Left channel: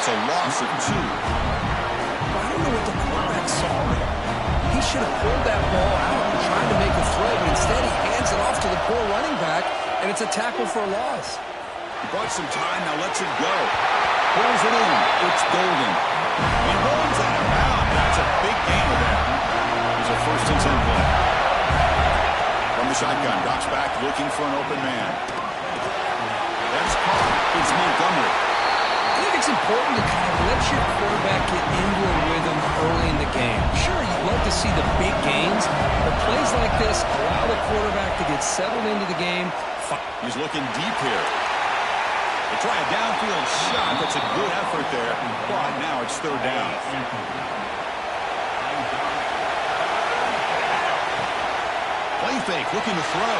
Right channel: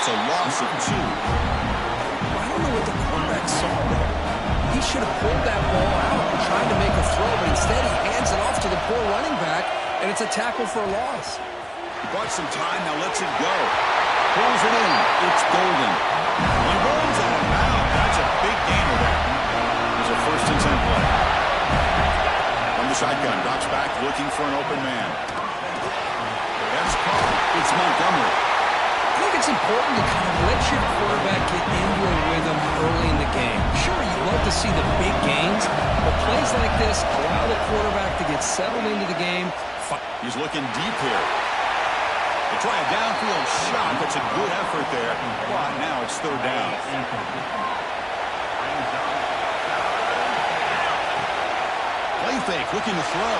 It's a loss of 2. I don't know what the quarterback saw there. He should have pulled that ball out and tried to make a throw, but instead he hands it off to the poor running back, and it's a tackle for a loss. He bought some time, now lets it go. Pulls it in. It's Golden. He runs out of bounds. That's a big gainer there. It's a 1st and 10 play. From the shotgun, drops back looking for an open man. That's caught. It's Montgomery. I think it's important to kind of let your quarterback get into a rhythm early in the game. Sure, you'd love to see the big gains, but plays like this allow the quarterback to get settled into the game. He's looking deep here. They try a downfield shot. That's a good effort there, but now it's 3rd down. Play fake, looking to throw.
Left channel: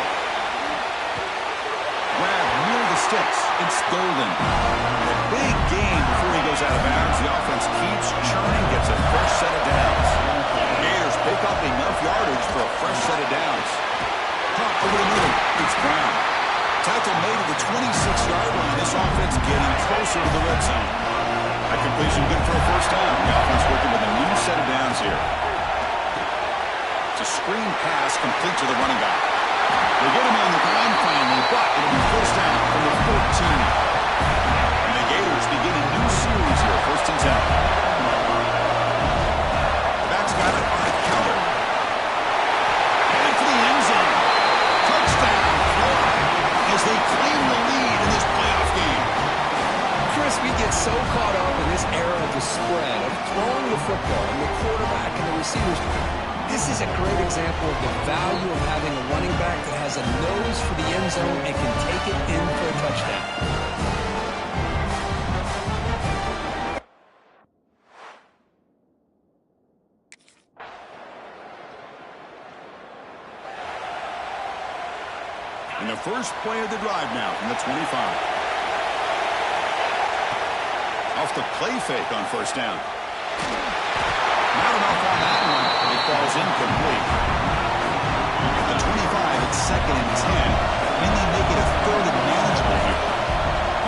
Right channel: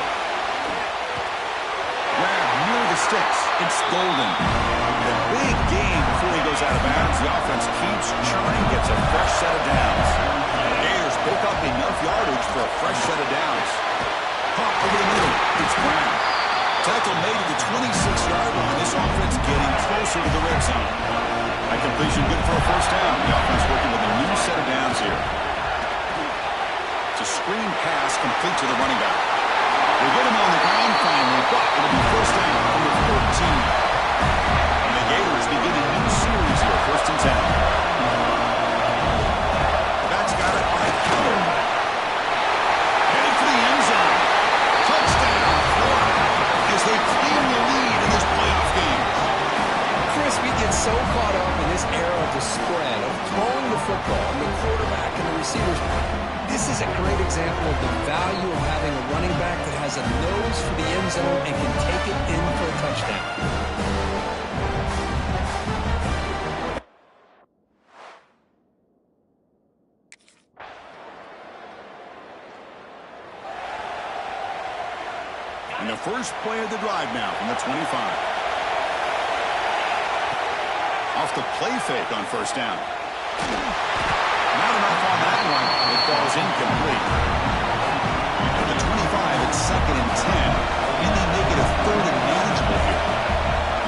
Grab near the sticks. It's Golden. And a big gain before he goes out of bounds. The offense keeps churning, gets a fresh set of downs. The Gators pick up enough yardage for a fresh set of downs. Caught over the middle. It's Brown. Tackle made at the 26-yard line. This offense getting closer to the red zone. That completion good for a 1st down. The offense working with a new set of downs here. It's a screen pass complete to the running back. They get him on the ground finally, but it'll be 1st down from the 14. And the Gators begin a new series here, 1st and 10. The back's got it on a counter. Heading for the end zone. Touchdown, Florida, as they claim the lead in this playoff game. Chris, we get so caught up in this era of the spread, of throwing the football, and the quarterback and the receivers. This is a great example of the value of having a running back that has a nose for the end zone and can take it in for a touchdown. And the first play of the drive now from the 25. Off the play fake on 1st down. Not enough on that one. It falls incomplete. At the 25, it's 2nd and 10. Can they make it a 3rd and manageable here?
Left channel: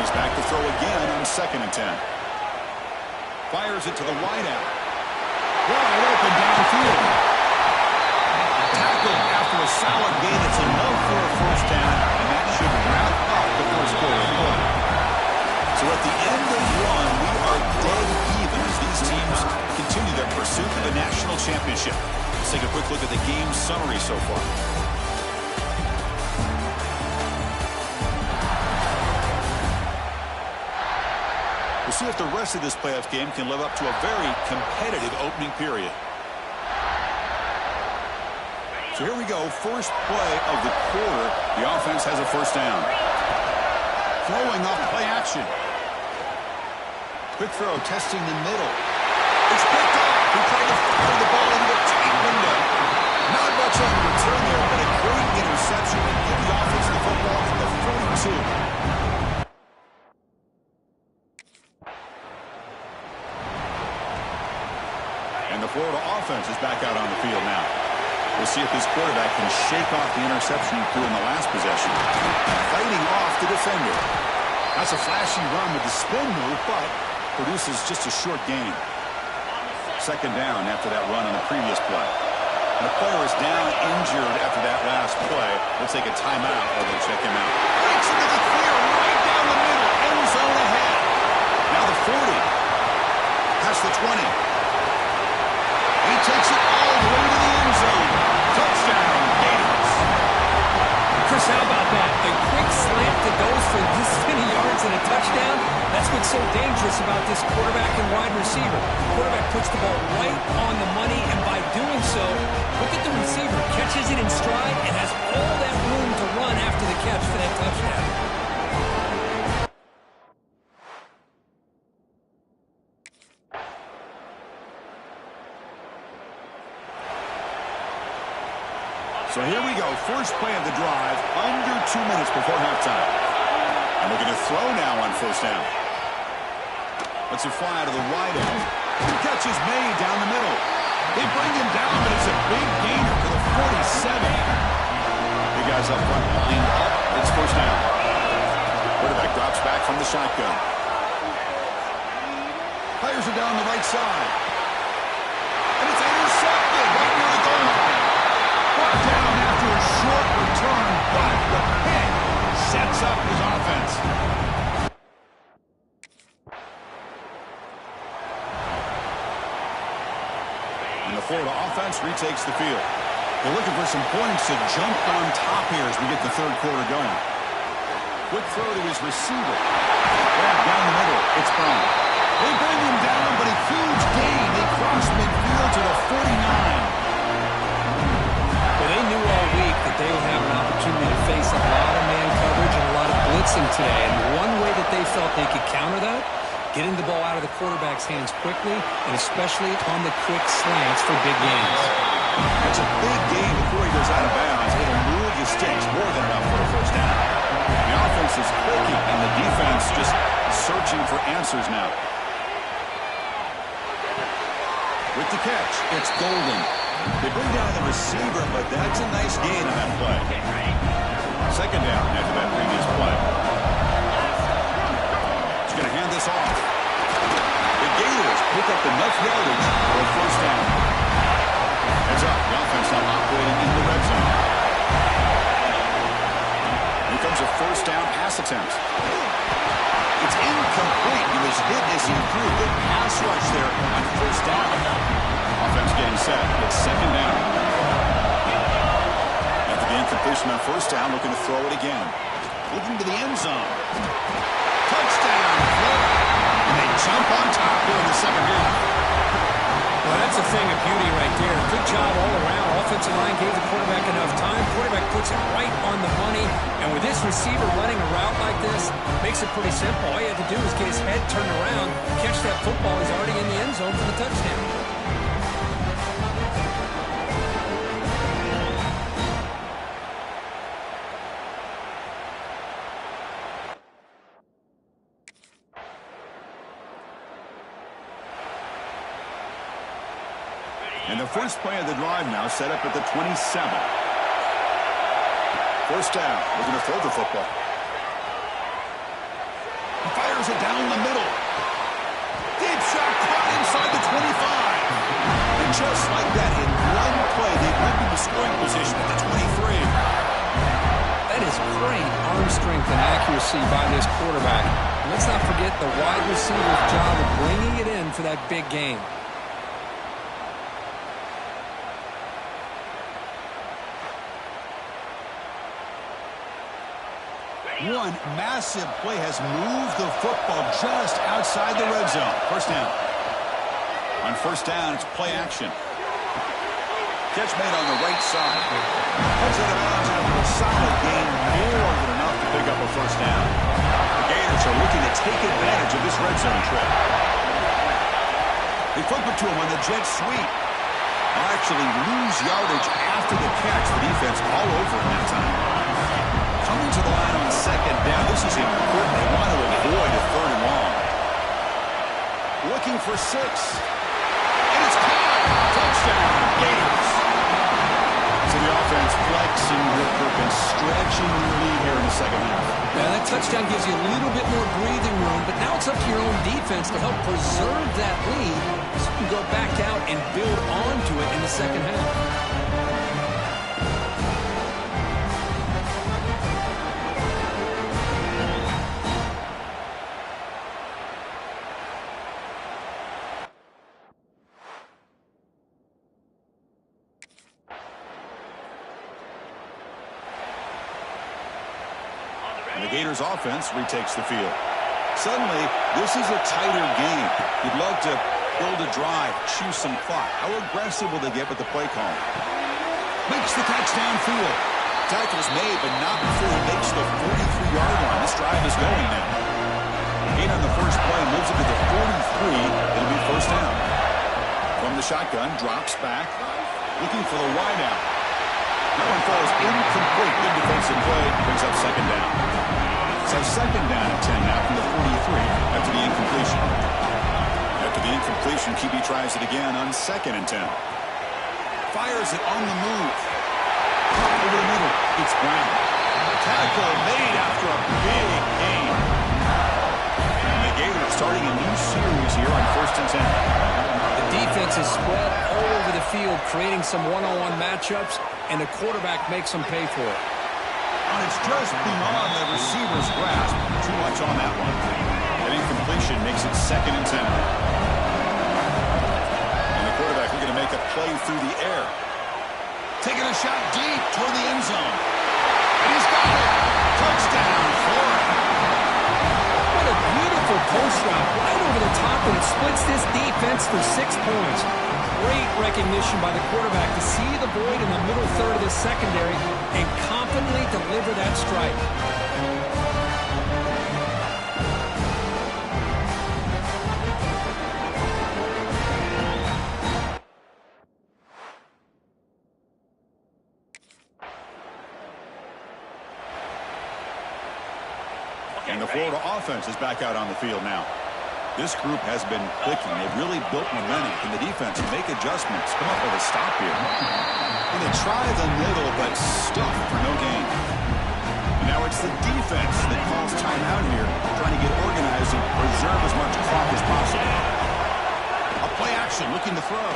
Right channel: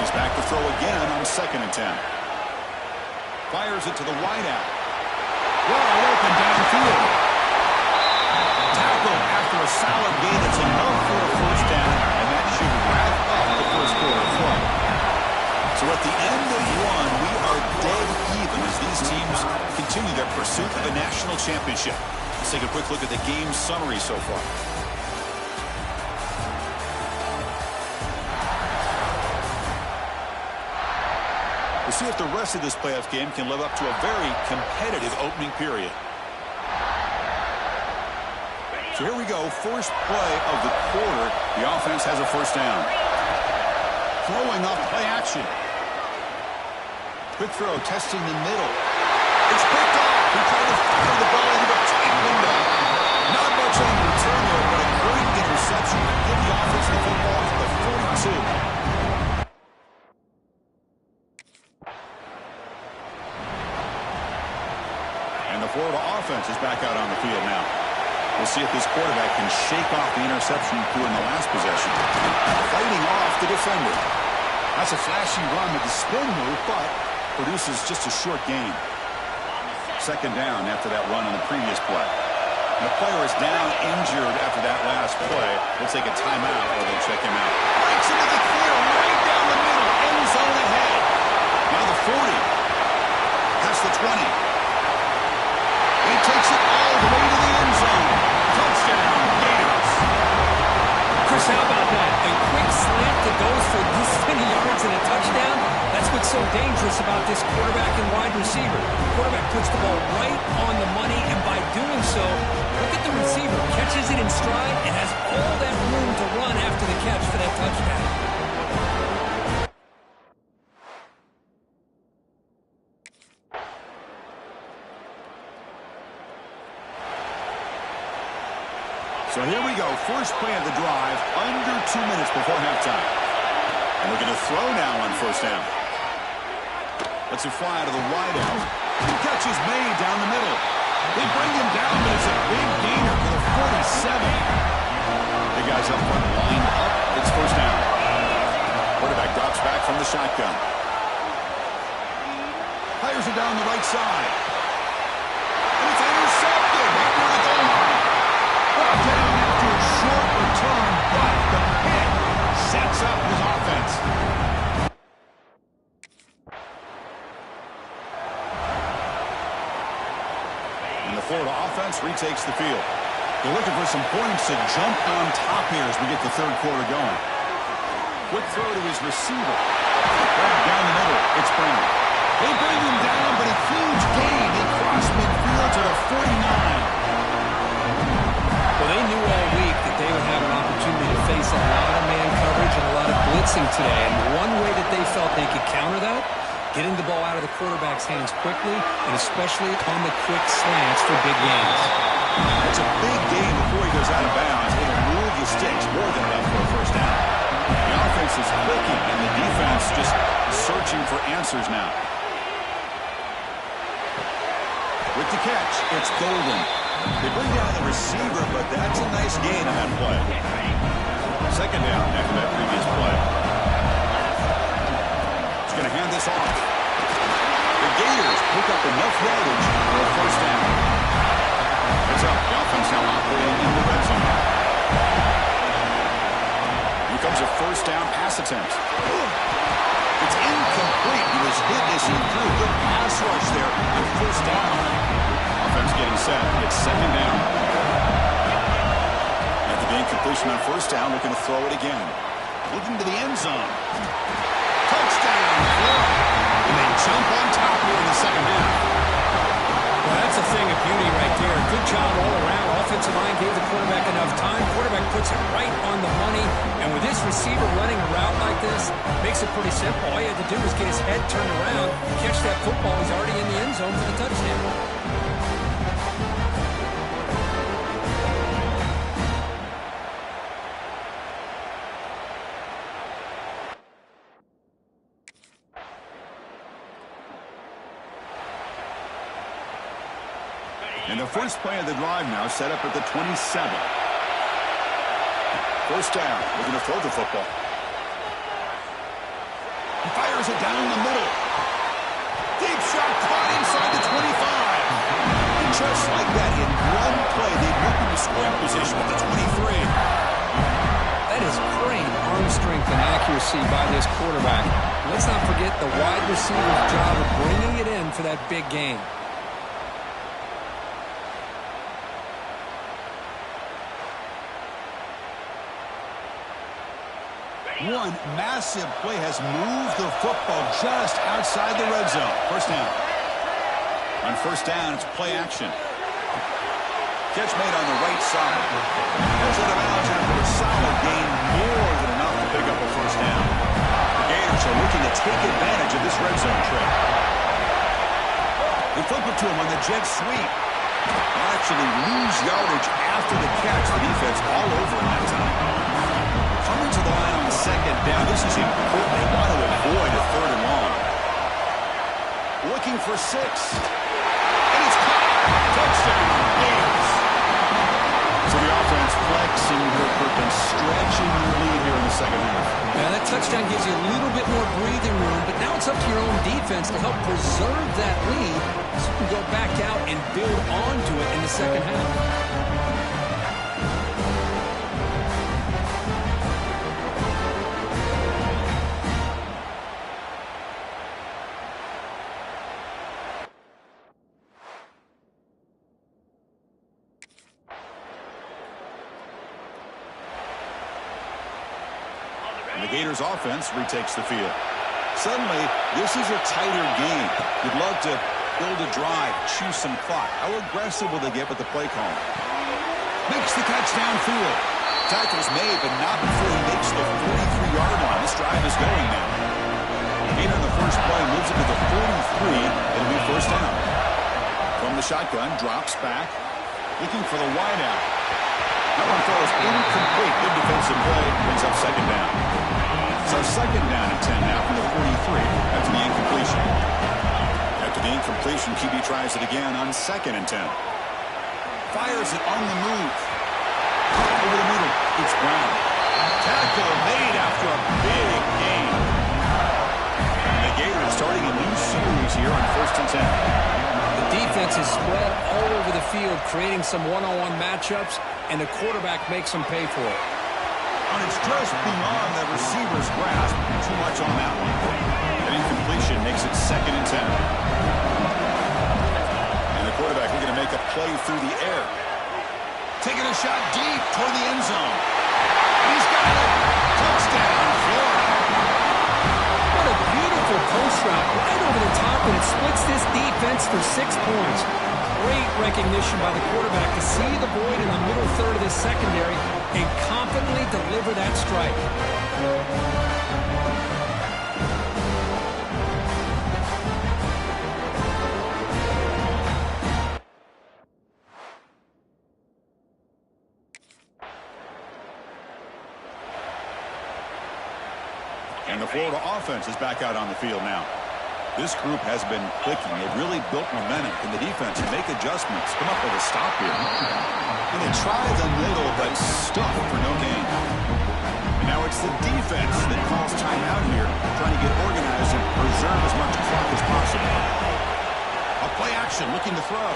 He's back to throw again on 2nd and 10. Fires it to the wideout. Wide open downfield. Tackled after a solid gain. It's enough for a 1st down, and that should wrap up the 1st quarter of play. So at the end of one, we are dead even as these teams continue their pursuit of the national championship. Let's take a quick look at the game summary so far. We'll see if the rest of this playoff game can live up to a very competitive opening period. So here we go, first play of the quarter. The offense has a 1st down. Throwing off play action. Quick throw, testing the middle. It's picked off. He tried to fire the ball into a tight window. Not much on the return there, but a great interception to give the offense the football at the 42. And the Florida offense is back out on the field now. We'll see if this quarterback can shake off the interception he threw in the last possession. Fighting off the defender. That's a flashy run with the spin move, but produces just a short gain. 2nd down after that run on the previous play. And the player is down injured after that last play. They'll take a timeout or they'll check him out. Breaks into the clear right down the middle. End zone ahead. Now the 40. Past the 20. He takes it all the way to the end zone. Touchdown, Gators. Chris, how about that? A quick slant that goes for this many yards and a touchdown. That's what's so dangerous about this quarterback and wide receiver. The quarterback puts the ball right on the money, and by doing so, look at the receiver. Catches it in stride and has all that room to run after the catch for that touchdown. So here we go, first play of the drive, under 2 minutes before halftime. And looking to throw now on 1st down. Lets it fly to the wideout. Catch is made down the middle. They bring him down, but it's a big gainer for the 47. Big guys up front lined up. It's 1st down. Quarterback drops back from the shotgun. Fires it down the right side. And it's intercepted right near the goal line. Brought down after a short return, but the pick sets up his offense. And the Florida offense retakes the field. They're looking for some points to jump on top here as we get the third quarter going. Quick throw to his receiver. Grab down the middle. It's Brown. They bring him down, but a huge gain. They cross midfield to the 49. Well, they knew all week that they would have an opportunity to face a lot of man coverage and a lot of blitzing today. And one way that they felt they could counter that, getting the ball out of the quarterback's hands quickly, and especially on the quick slants for big gains. That's a big gain before he goes out of bounds. It'll move your sticks more than enough for a first down. The offense is clicking, and the defense just searching for answers now. With the catch, it's Golden. They bring down the receiver, but that's a nice gain on that play. Second down after that previous play. He's going to hand this off. The Gators pick up enough yardage for a first down. Heads up. The offense now operating in the red zone. Here comes a first down pass attempt. It's incomplete. He was hit as he threw. Good pass rush there on first down. Offense getting set. It's second down. After the incompletion on first down, looking to throw it again. Looking to the end zone. Touchdown, Florida. And they jump on top here in the second half. Well, that's a thing of beauty right there. Good job all around. Offensive line gave the quarterback enough time. Quarterback puts it right on the money. And with this receiver running a route like this, makes it pretty simple. All he had to do was get his head turned around, catch that football. He's already in the end zone for the touchdown. And the first play of the drive now set up at the 27. First down. Looking to throw the football. He fires it down the middle. Deep shot caught inside the 25. And just like that, in one play, they moved into scoring position at the 23. That is great arm strength and accuracy by this quarterback. Let's not forget the wide receiver's job of bringing it in for that big gain. One massive play has moved the football just outside the red zone. First down. On first down, it's play action. Catch made on the right side. Heads out of bounds after a solid gain, more than enough to pick up a first down. The Gators are looking to take advantage of this red zone trip. They flip it to him on the jet sweep. They'll actually lose yardage after the catch. The defense all over him that time. Coming to the line on second down. This is important. They want to avoid a third and long. Looking for 6. And it's caught. Touchdown, Gators. So the offense flexing her purpose, stretching the lead here in the second half. Now that touchdown gives you a little bit more breathing room, but now it's up to your own defense to help preserve that lead so you can go back out and build onto it in the second half. And the Gators offense retakes the field. Suddenly, this is a tighter game. You'd love to build a drive, choose some clock. How aggressive will they get with the play call? Makes the catch downfield. Tackle's made, but not before he makes the 43-yard line. This drive is going now. Gain on the first play moves it to the 43. It'll be first down. From the shotgun, drops back, looking for the wideout. That one falls incomplete. Good defensive play. Brings up second down. So second down and 10 now from the 43 after the incompletion. After the incompletion, QB tries it again on second and 10. Fires it on the move. Over the middle. It's Brown. Tackle made after a big gain. And they the Gators starting a new series here on 1st and 10. The defense is spread all over the field, creating some one-on-one matchups, and the quarterback makes them pay for it. And it's just beyond the receiver's grasp. Too much on that one. An incompletion makes it 2nd and 10. And the quarterback looking to make a play through the air. Taking a shot deep toward the end zone. And he's got it. Touchdown, Florida. What a beautiful post route right over the top, and it splits this defense for 6 points. Great recognition by the quarterback to see the void in the middle third of this secondary and confidently deliver that strike. And the Florida offense is back out on the field now. This group has been clicking. They've really built momentum. Can the defense make adjustments? Come up with a stop here. And they try the middle, but stuff for no gain. And now it's the defense that calls timeout here, trying to get organized and preserve as much clock as possible. A play action, looking to throw.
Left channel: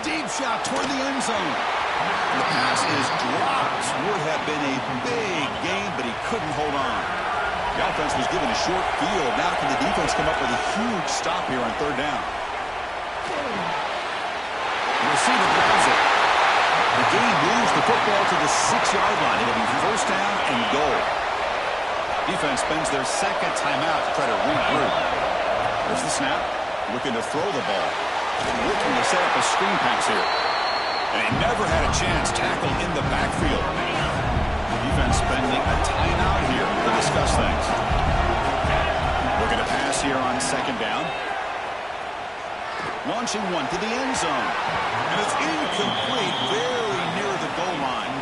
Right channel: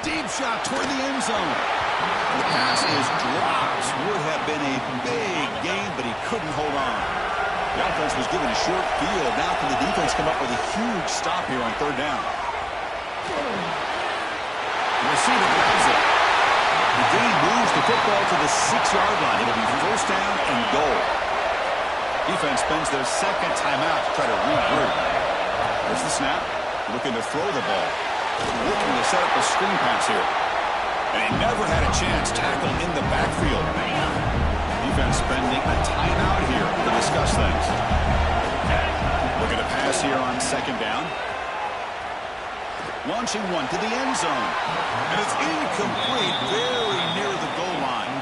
Deep shot toward the end zone. And the pass is dropped. Would have been a big gain, but he couldn't hold on. The offense was given a short field. Now can the defense come up with a huge stop here on 3rd down? The receiver grabs it. The game moves the football to the 6-yard line. It'll be 1st down and goal. Defense spends their 2nd timeout to try to regroup. There's the snap. Looking to throw the ball. Looking to set up a screen pass here. And he never had a chance. Tackle in the backfield. Defense spending a timeout here to discuss things. Looking to pass here on 2nd down. Launching one to the end zone. And it's incomplete, very near the goal line.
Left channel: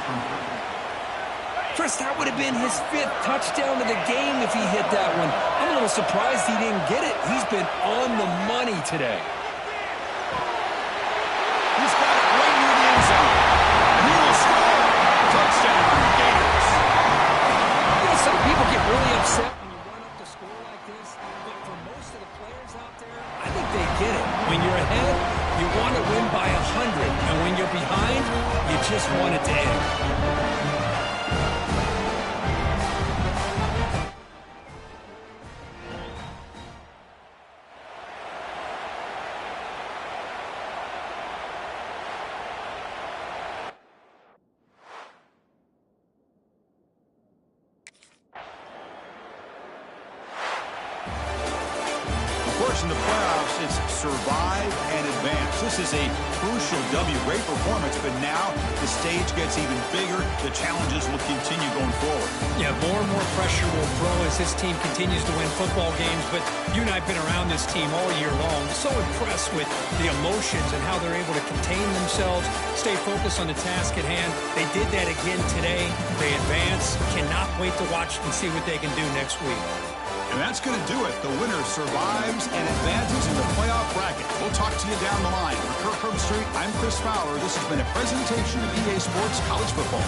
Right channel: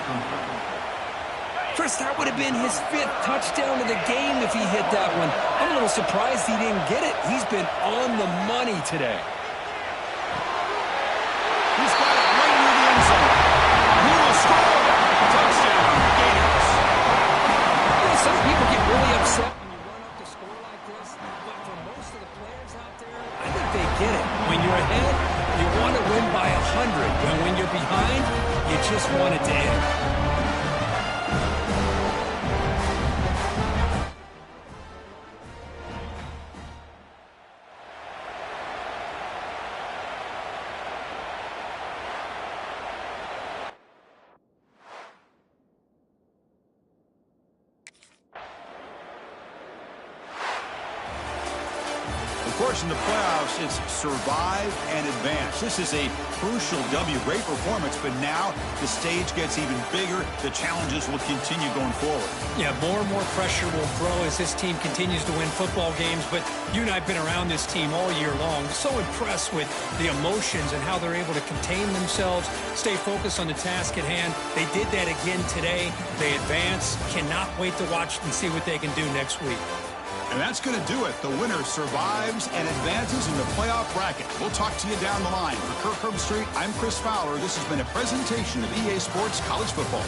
Chris, that would have been his 5th touchdown of the game if he hit that one. I'm a little surprised he didn't get it. He's been on the money today. He's got it right near the end zone. And he will score. Touchdown, Gators. You know, some people get really upset when you run up to score like this, but for most of the players out there, I think they get it. When you're ahead, you want to win by 100, and when you're behind, you just want it to end. Of course, in the playoffs, it's survive and advance. This is a crucial W. Great performance, but now the stage gets even bigger. The challenges will continue going forward. Yeah, more and more pressure will grow as this team continues to win football games, but you and I have been around this team all year long. So impressed with the emotions and how they're able to contain themselves, stay focused on the task at hand. They did that again today. They advance. Cannot wait to watch and see what they can do next week. And that's going to do it. The winner survives and advances in the playoff bracket. We'll talk to you down the line. For Kirk Herbstreit, I'm Chris Fowler. This has been a presentation of EA Sports College Football.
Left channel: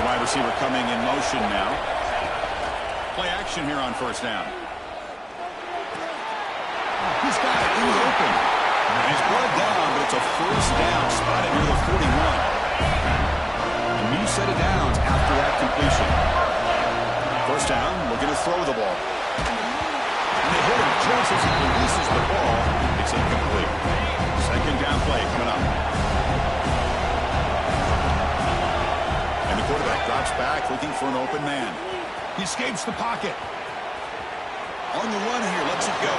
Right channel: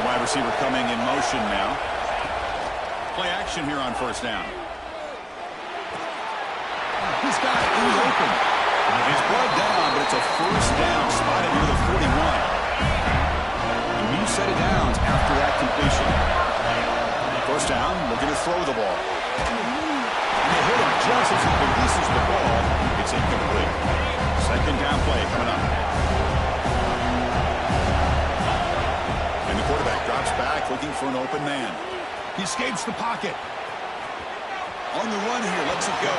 The wide receiver coming in motion now. Play action here on first down. He's got it in the open. He's brought down, but it's a first down spotted near the 41. A new set of downs after that completion. First down, looking to throw the ball. And they hit him just as he releases the ball. It's incomplete. Second down play coming up. And the quarterback drops back, looking for an open man. He escapes the pocket. On the run here, lets it go.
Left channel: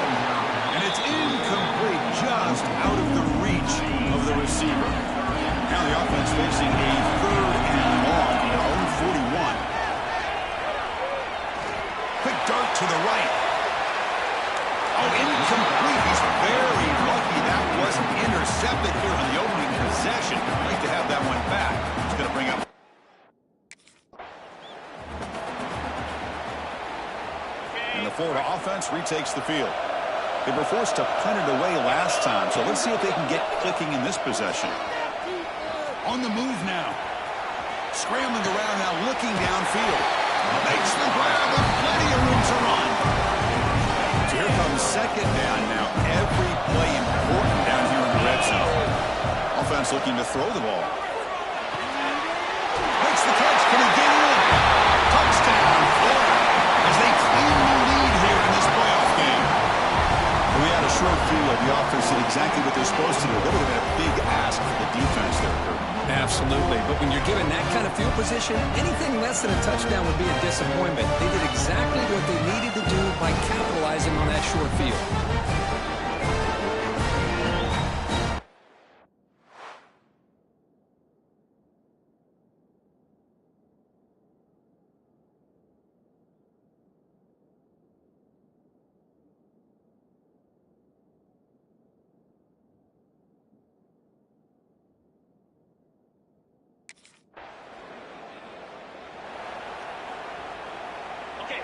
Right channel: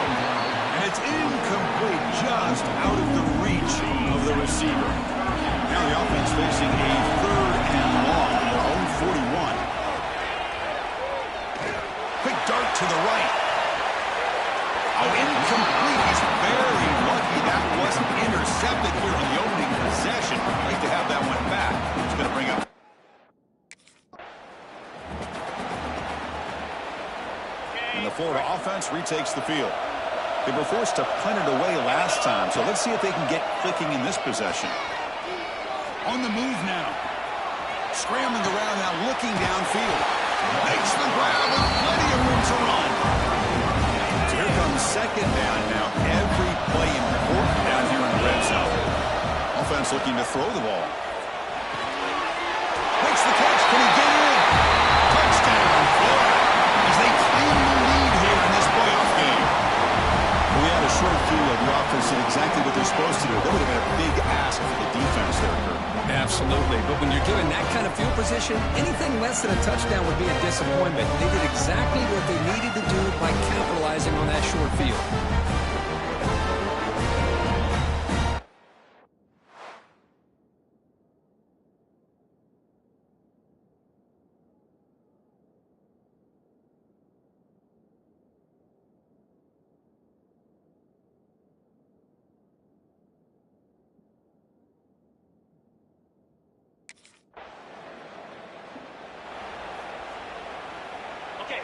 And it's incomplete, just out of the reach of the receiver. Now the offense facing a third and long from their own 41. Quick dart to the right. Oh, incomplete. He's very lucky that wasn't intercepted here on the opening possession. Like to have that one back. It's going to bring up. And the Florida offense retakes the field. They were forced to punt it away last time, so let's see if they can get clicking in this possession. On the move now. Scrambling around now, looking downfield. Makes the grab with plenty of room to run. So here comes second down now. Every play important down here in the red zone. Offense looking to throw the ball. Makes the catch. Can he get in? Touchdown, Florida, as they claim the lead here in this playoff game. We had a short field. The offense did exactly what they're supposed to do. That would have been a big ask for the defense there, Kurt. Absolutely. But when you're given that kind of field position, anything less than a touchdown would be a disappointment. They did exactly what they needed to do by capitalizing on that short field.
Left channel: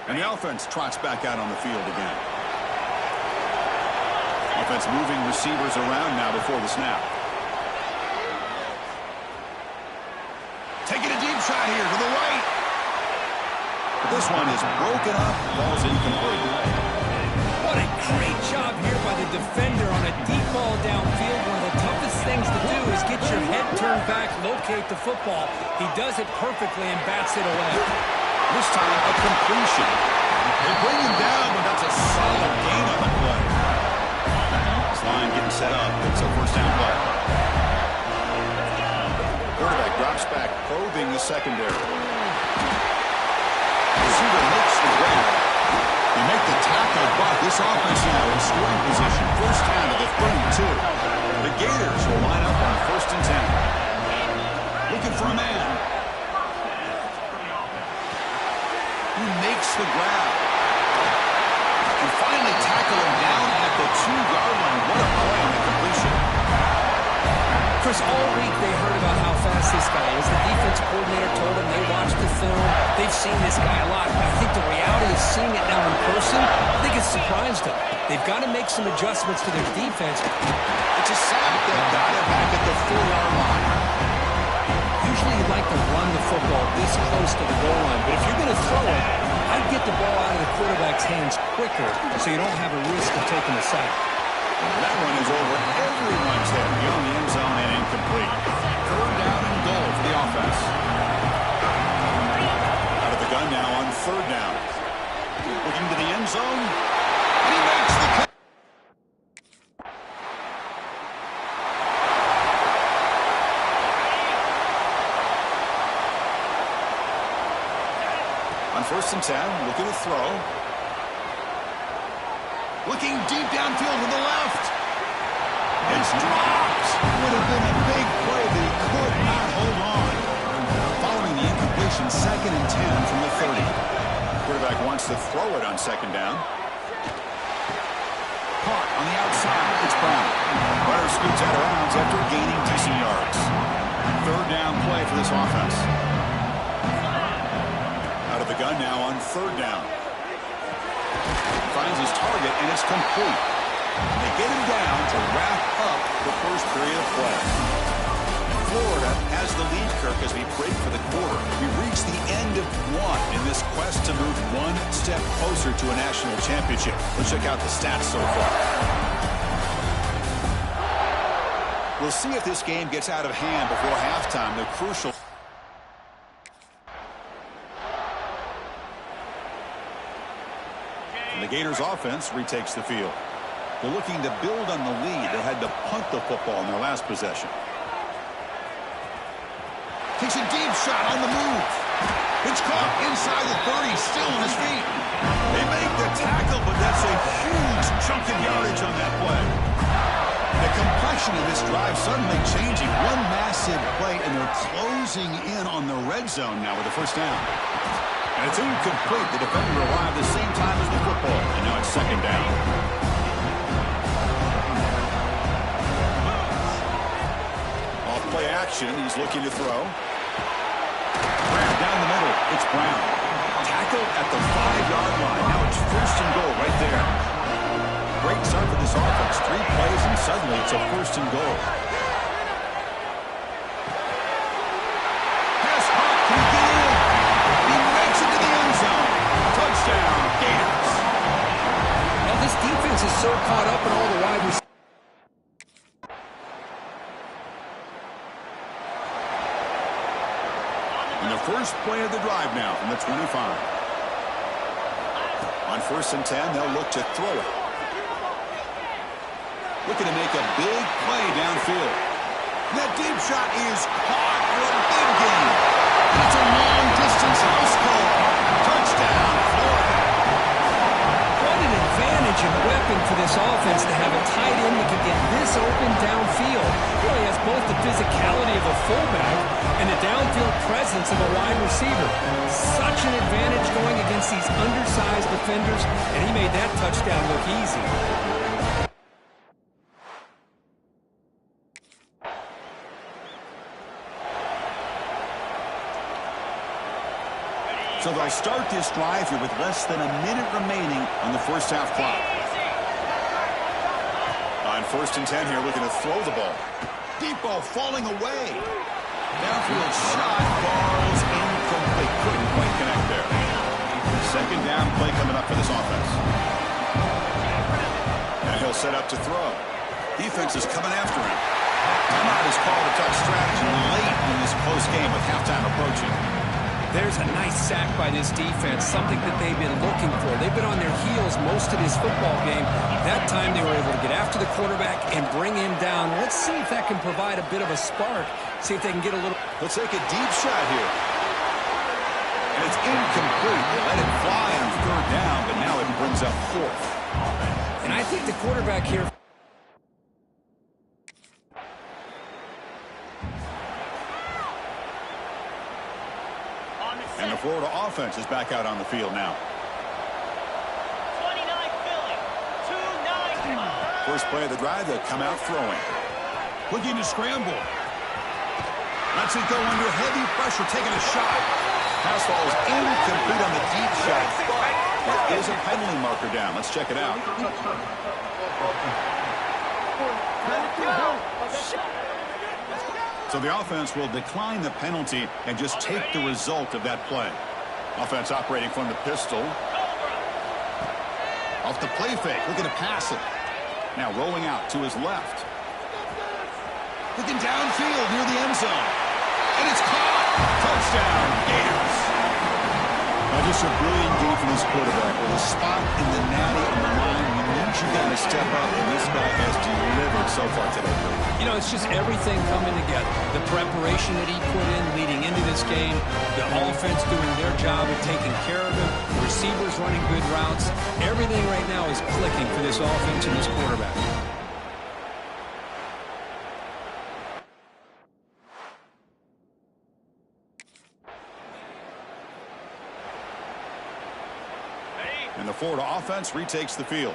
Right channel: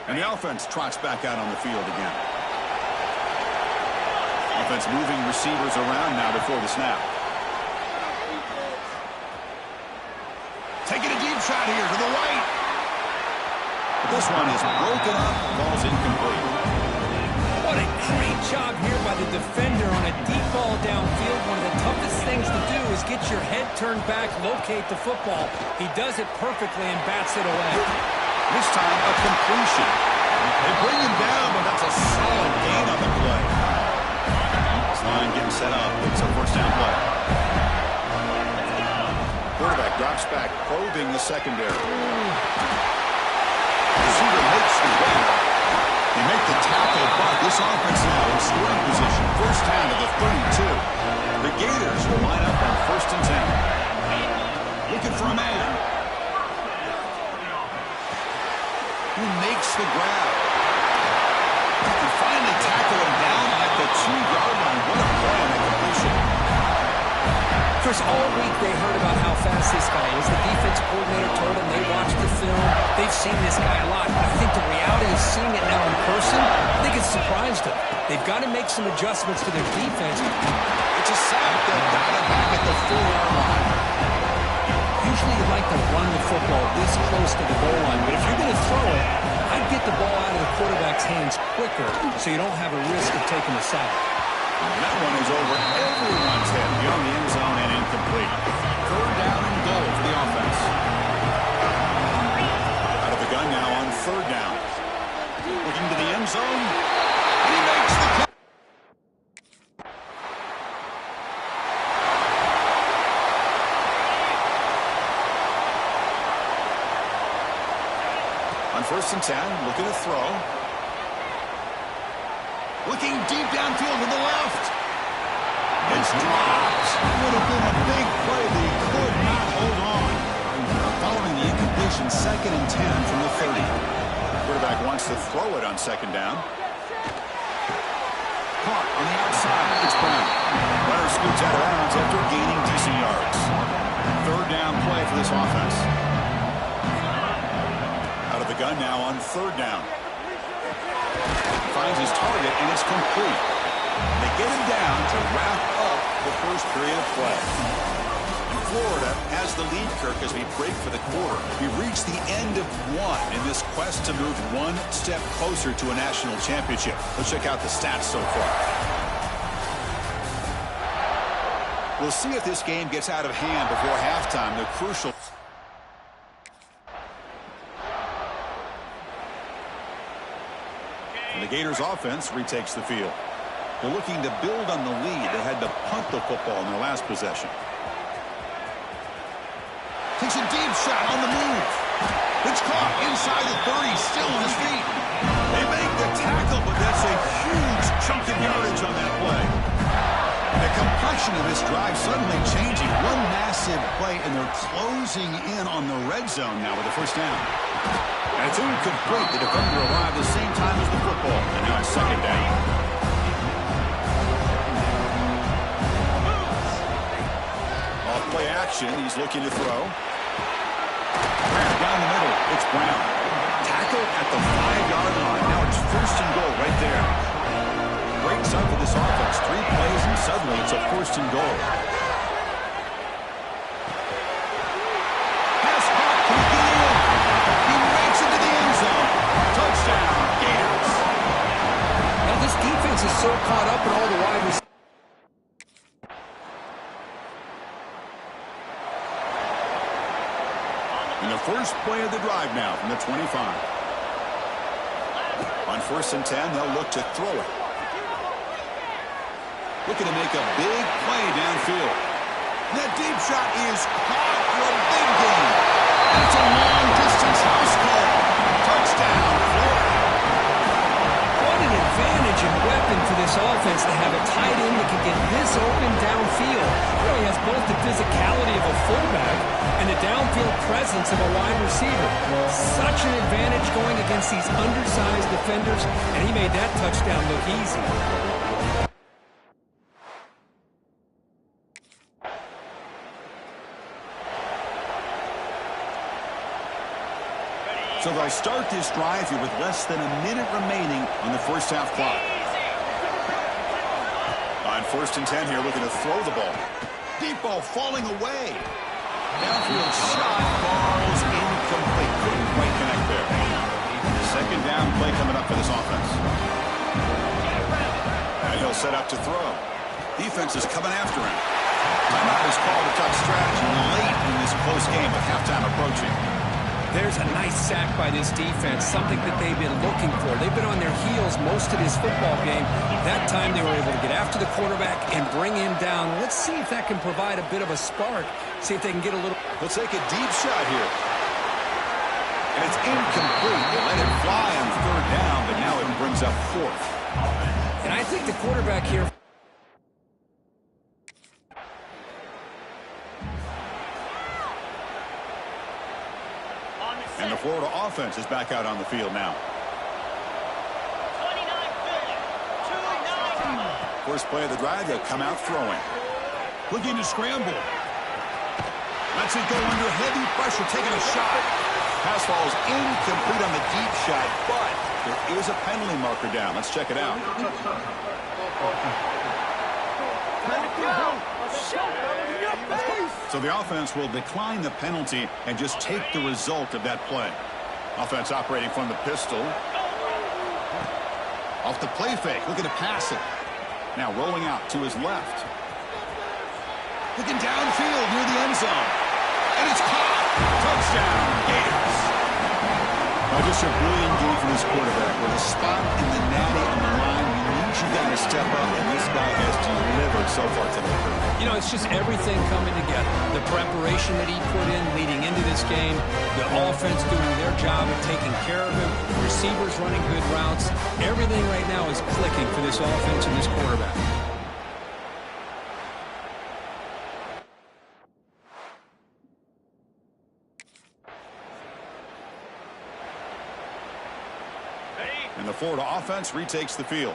And the offense trots back out on the field again. Offense moving receivers around now before the snap. Taking a deep shot here to the right. But this one is broken up. Ball's incomplete. What a great job here by the defender on a deep ball downfield. One of the toughest things to do is get your head turned back, locate the football. He does it perfectly and bats it away. This time, a completion. They bring him down, but that's a solid gain on the play. This line getting set up. It's a first down play. Quarterback drops back, probing the secondary. Receiver makes the grab. They make the tackle, but this offense now in scoring position. First down to the 32. The Gators will line up on 1st and 10. Looking for a man. He makes the grab. And finally tackle him down at the 2-yard line. What a play on the completion. Chris, all week they heard about how fast this guy is. The defense coordinator told them they watched the film. They've seen this guy a lot. But I think the reality is seeing it now in person, I think it's surprised them. They've got to make some adjustments to their defense. It's a sack that got him back at the 4-yard line. Usually you'd like to run the football this close to the goal line, but if you're going to throw it, I'd get the ball out of the quarterback's hands quicker so you don't have a risk of taking the sack. That one is over everyone's head beyond the end zone and incomplete. 3rd down and goal for the offense. Out of the gun now on 3rd down. Looking to the end zone, and he makes the catch. On 1st and 10, looking to throw. Looking deep downfield to the left. It's dropped. Would have been a big play, but he could not hold on. Following the incompletion, 2nd and 10 from the 30. Quarterback wants to throw it on 2nd down. Caught on the outside. It's Brown. Runner scoots out of bounds after gaining decent yards. 3rd down play for this offense. Out of the gun now on 3rd down. Finds his target, and it's complete. And they get him down to wrap up the first period of play. And Florida has the lead, Kirk, as we break for the quarter. We've reached the end of one in this quest to move one step closer to a national championship. Let's check out the stats so far. We'll see if this game gets out of hand before halftime. The crucial. And the Gators offense retakes the field. They're looking to build on the lead. They had to punt the football in their last possession. Takes a deep shot on the move. It's caught inside the 30, still on his feet. They make the tackle, but that's a huge chunk of yardage on that play. The complexion of this drive suddenly changing. One massive play, and they're closing in on the red zone now with the first down. And it's incomplete. The defender arrived the same time as the football, and now it's second down. Off play action, he's looking to throw. Brown down the middle. It's Brown. Tackled at the 5-yard line. Now it's first and goal right there. Great start for this offense. 3 plays, and suddenly it's a first and goal. Pass caught. Can he get in? He makes it to the end zone. Touchdown, Gators. Now this defense is so caught up in all the wide receivers. And the first play of the drive now from the 25. On first and 10, they'll look to throw it. Looking to make a big play downfield. That deep shot is caught for a big gain. And it's a long-distance house call. Touchdown, Florida. What an advantage and weapon for this offense to have a tight end that can get this open downfield. You know, he has both the physicality of a fullback and the downfield presence of a wide receiver. Such an advantage going against these undersized defenders, and he made that touchdown look easy. So they'll start this drive here with less than a minute remaining on the first half clock. On first and 10 here, looking to throw the ball. Deep ball falling away. Downfield shot, balls incomplete. Couldn't quite connect there. Second down play coming up for this offense. And he'll set up to throw. Defense is coming after him. Timeout is called to touch strategy late in this close game with halftime approaching. There's a nice sack by this defense, something that they've been looking for. They've been on their heels most of this football game. That time they were able to get after the quarterback and bring him down. Let's see if that can provide a bit of a spark. See if they can get a little... They'll take a deep shot here. And it's incomplete. They let it fly on third down, but now it brings up fourth. And I think the quarterback here... And the Florida offense is back out on the field now. 29 Philly, 2-9. First play of the drive, they'll come out throwing. Looking to scramble. Lets it go under heavy pressure, taking a shot. Pass ball is incomplete on the deep shot, but there is a penalty marker down. Let's check it out. So the offense will decline the penalty and just take the result of that play. Offense operating from the pistol. Off the play fake, looking to pass it. Now rolling out to his left. Looking downfield near the end zone. And it's caught. Touchdown, Gators. Just a brilliant game from this quarterback. With a spot in the natty on the line, you need you guys to step up, and this guy has delivered so far today, Kurt. You know, it's just everything coming together. The preparation that he put in leading into this game, the offense doing their job of taking care of him, receivers running good routes. Everything right now is clicking for this offense and this quarterback. And the Florida offense retakes the field.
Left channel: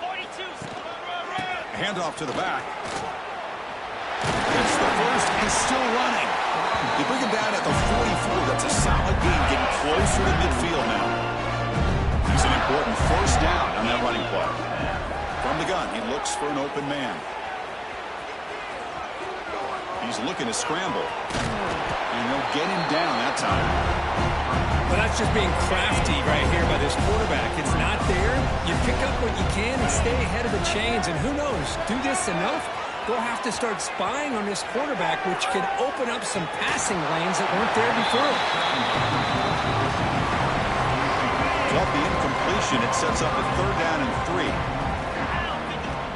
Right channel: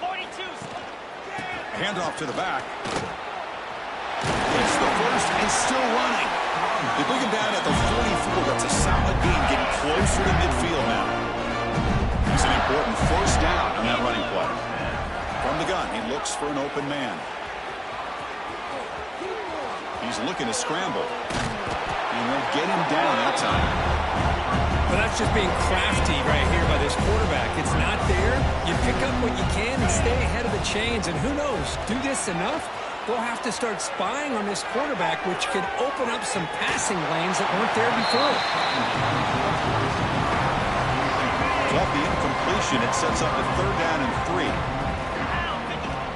42. A handoff to the back. It's the first and still running. They bring him down at the 44. That's a solid gain, getting closer to midfield now. That's an important first down on that running play. From the gun, he looks for an open man. He's looking to scramble. And they'll get him down that time. Well, that's just being crafty right here by this quarterback. It's not there. You pick up what you can and stay ahead of the chains. And who knows, do this enough, they'll have to start spying on this quarterback, which could open up some passing lanes that weren't there before. Off the incompletion, it sets up a 3rd down and 3.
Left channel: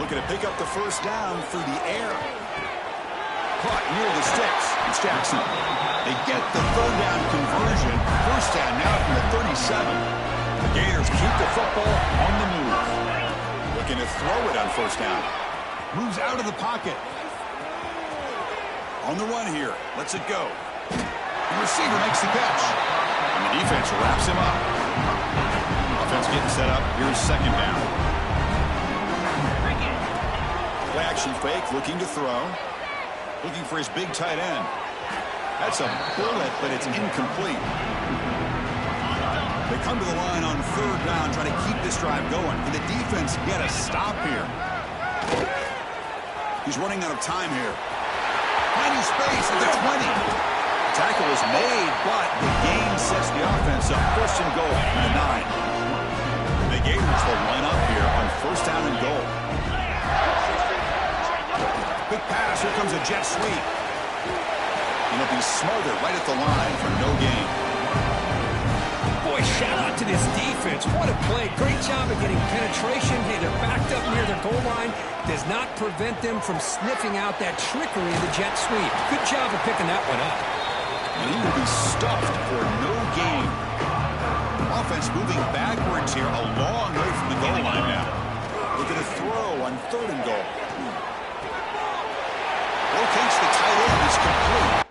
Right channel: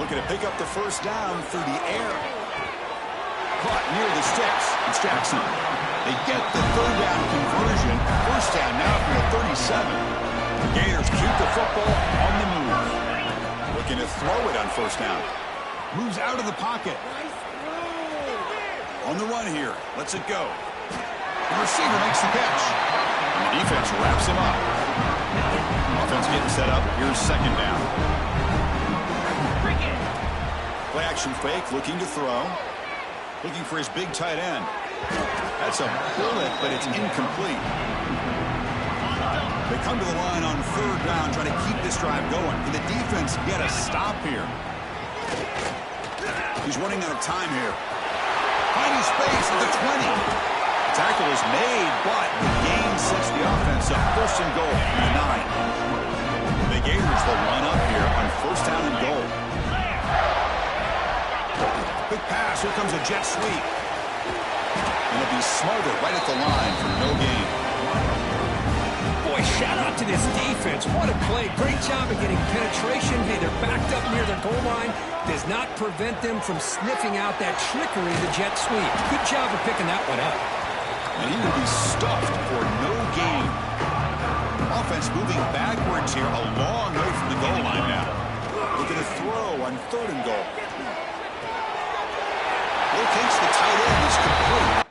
Looking to pick up the 1st down through the air. Caught near the sticks. It's Jackson. They get the 3rd down conversion. 1st down now from the 37. The Gators keep the football on the move. Looking to throw it on 1st down. Moves out of the pocket. On the run here. Lets it go. The receiver makes the catch. And the defense wraps him up. Offense getting set up. Here's 2nd down. Play action fake. Looking to throw. Looking for his big tight end. That's a bullet, but it's incomplete. They come to the line on 3rd down, trying to keep this drive going. Can the defense get a stop here? He's running out of time here. Finding space at the 20. The tackle is made, but the gain sets the offense up. 1st and goal from the 9. The Gators will line up here on 1st down and goal. Quick pass. Here comes a jet sweep. And it'll be smothered right at the line for no gain. Boy, shout out to this defense. What a play. Great job of getting penetration. Hey, they're backed up near the goal line. Does not prevent them from sniffing out that trickery of the jet sweep. Good job of picking that one up. And he will be stuffed for no gain. Offense moving backwards here, a long way from the goal line now. Looking to throw on 3rd and goal. Locates the tight end, is complete.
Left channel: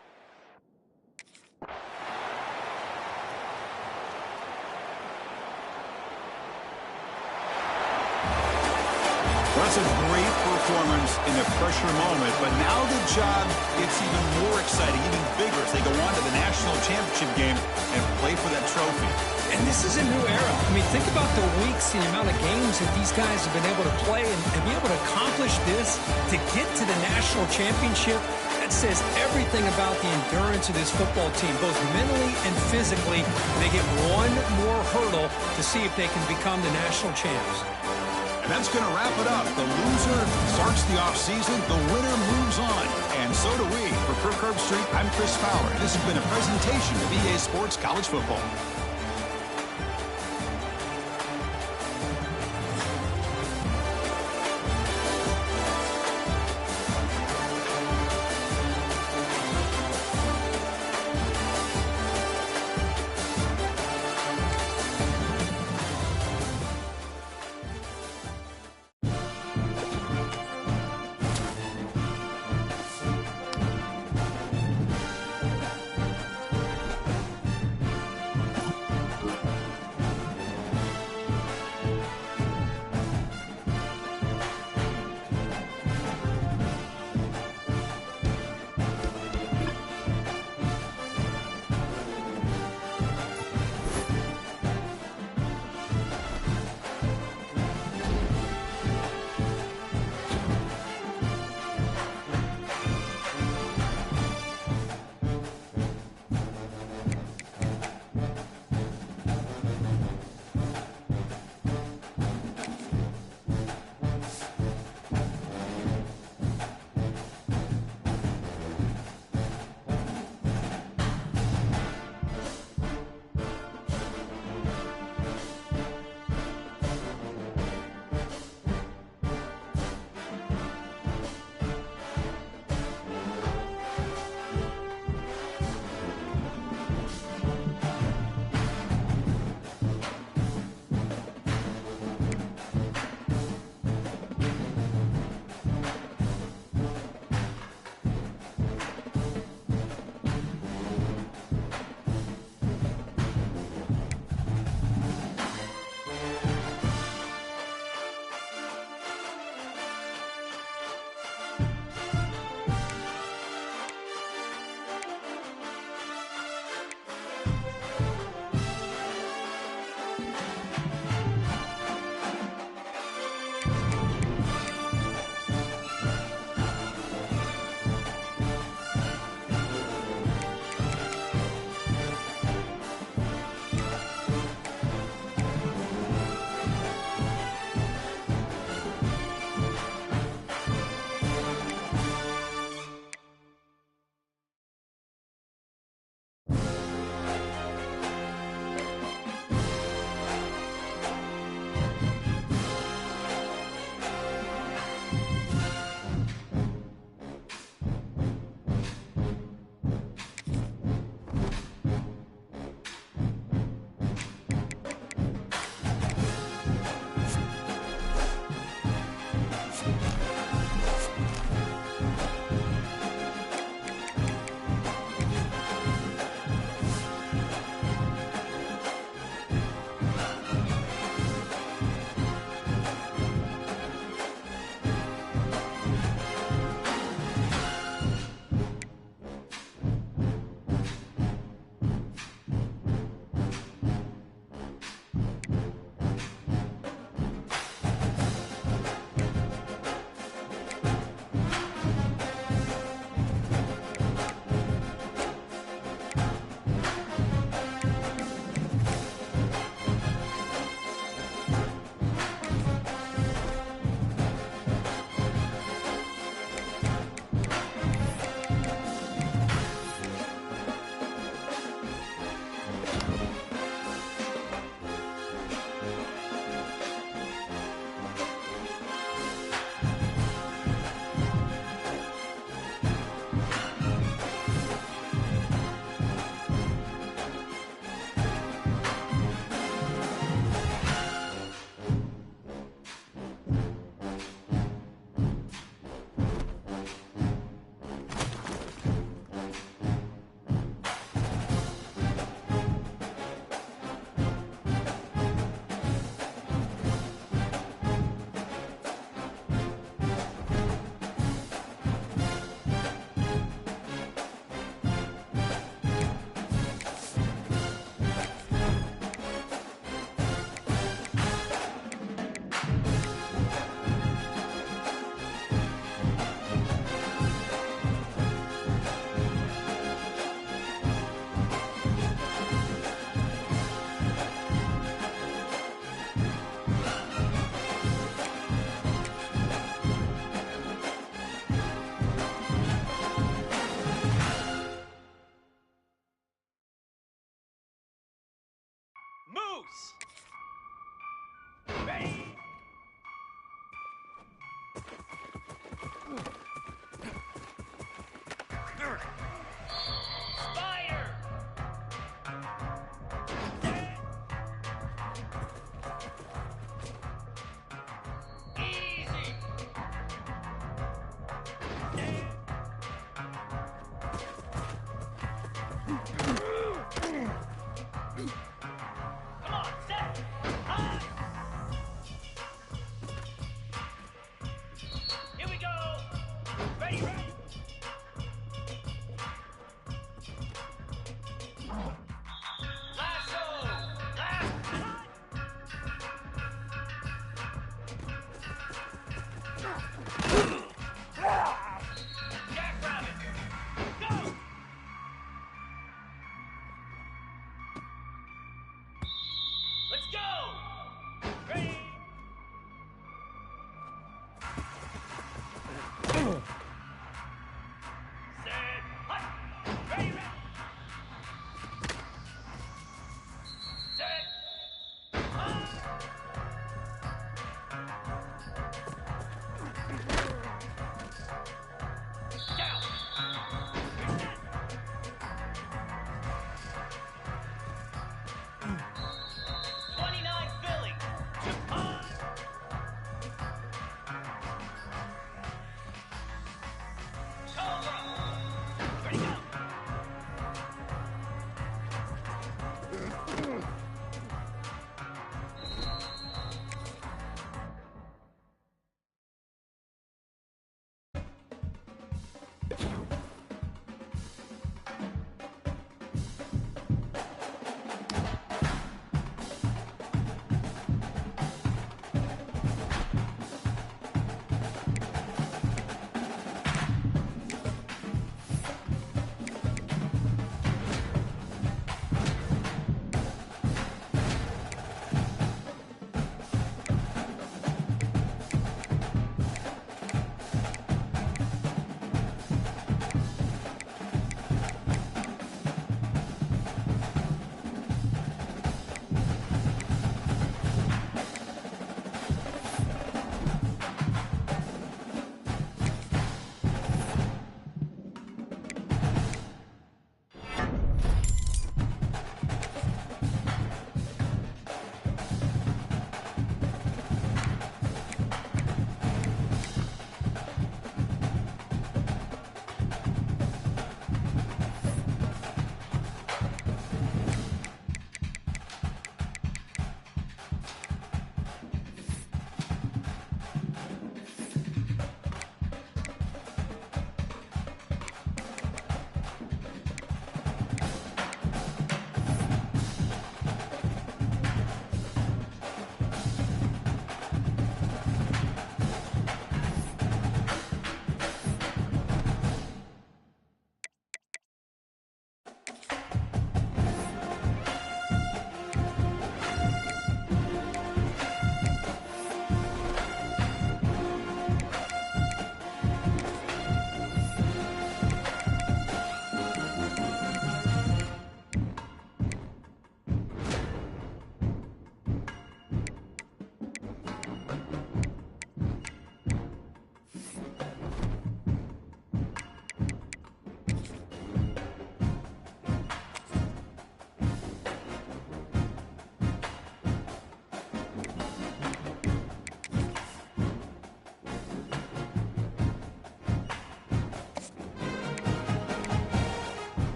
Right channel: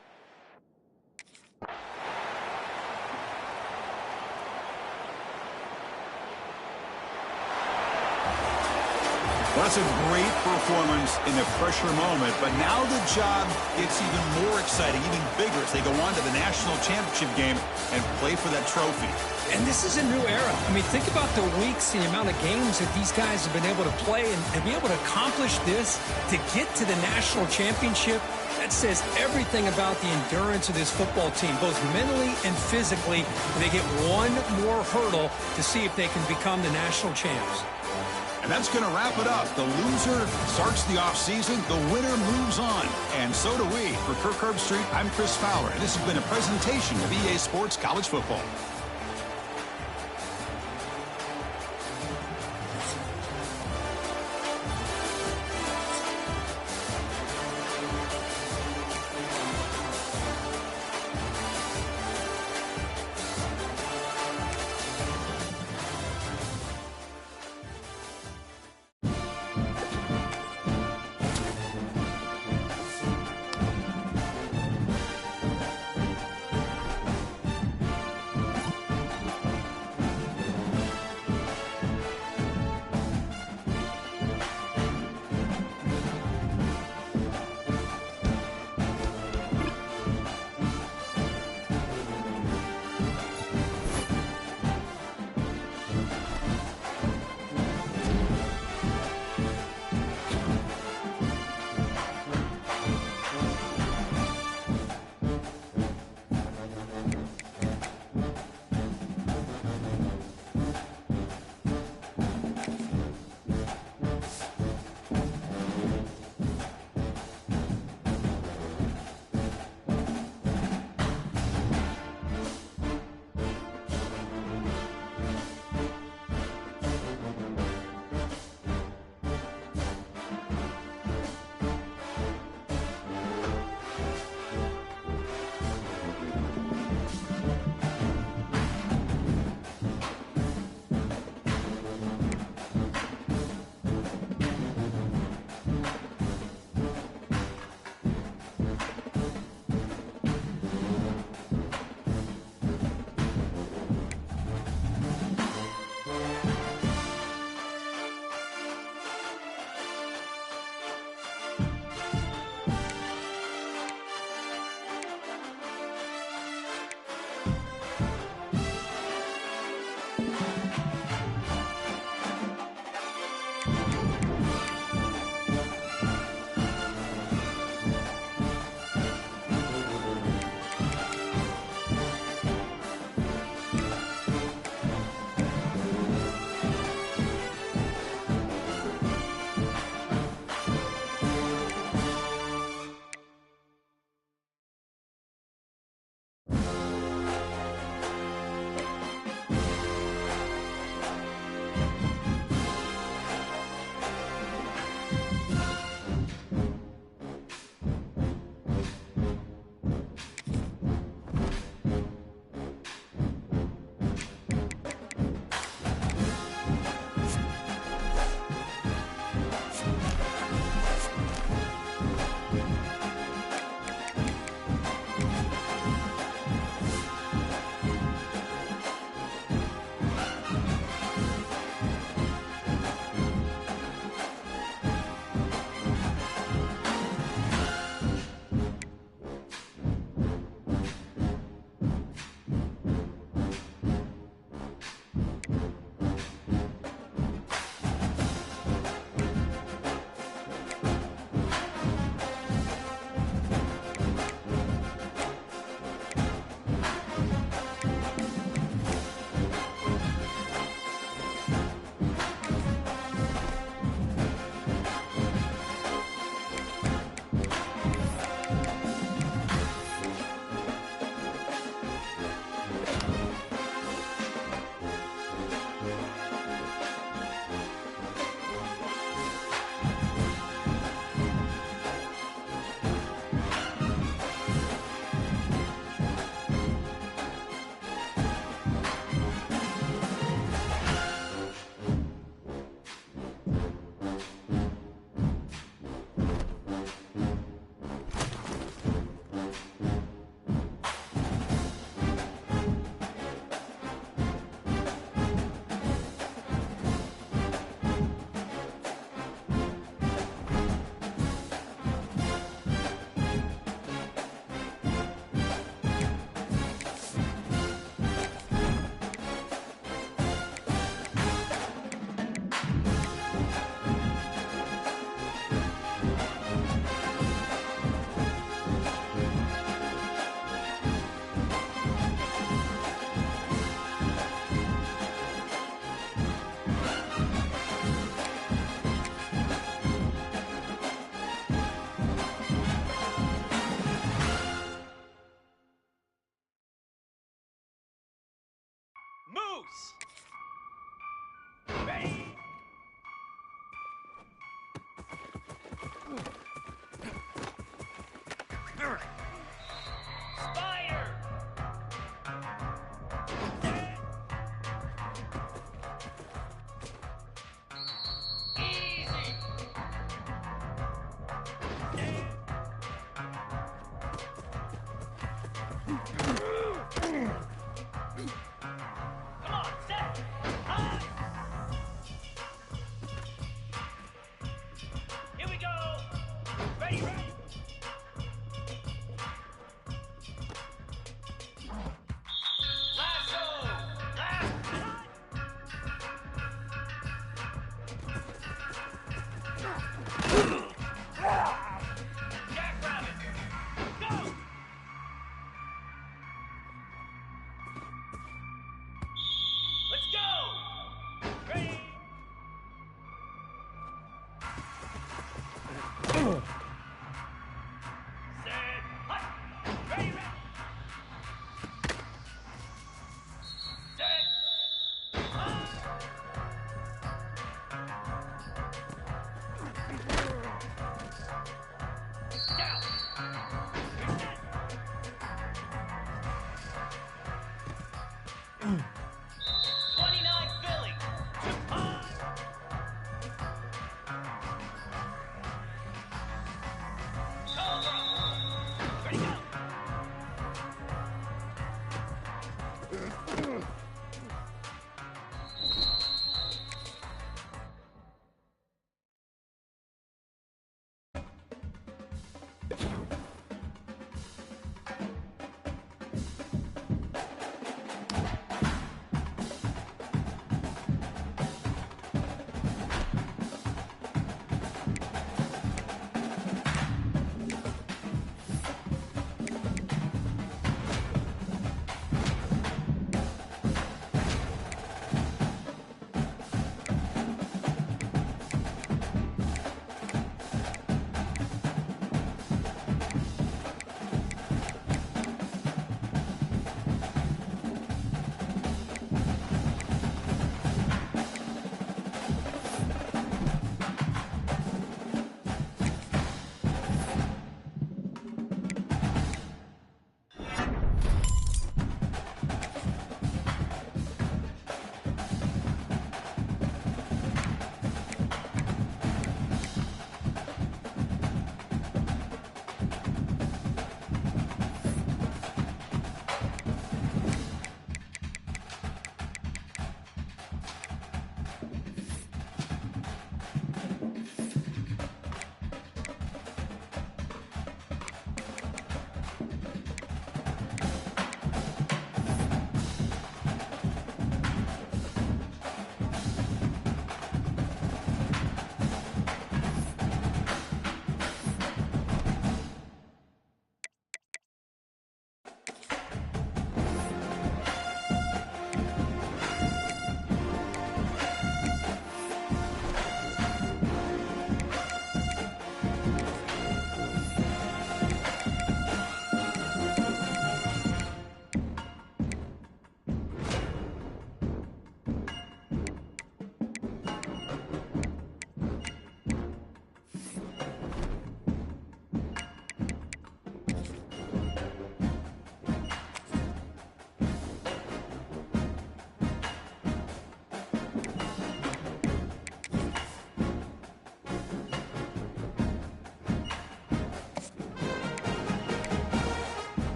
Well, that's a great performance in a pressure moment, but now the job gets even more exciting, even bigger as they go on to the national championship game and play for that trophy. And this is a new era. I mean, think about the weeks, the amount of games that these guys have been able to play and be able to accomplish this, to get to the national championship. That says everything about the endurance of this football team, both mentally and physically. They get one more hurdle to see if they can become the national champs. And that's going to wrap it up. The loser starts the offseason. The winner moves on. And so do we. For Kirk Herbstreit, I'm Chris Fowler. And this has been a presentation of EA Sports College Football. Loose. Ready. Spider. Easy. Come on, set. High. Here we go. Ready, ready. Lasso. Last cut. Jackrabbit. Go. Let's go. Ready.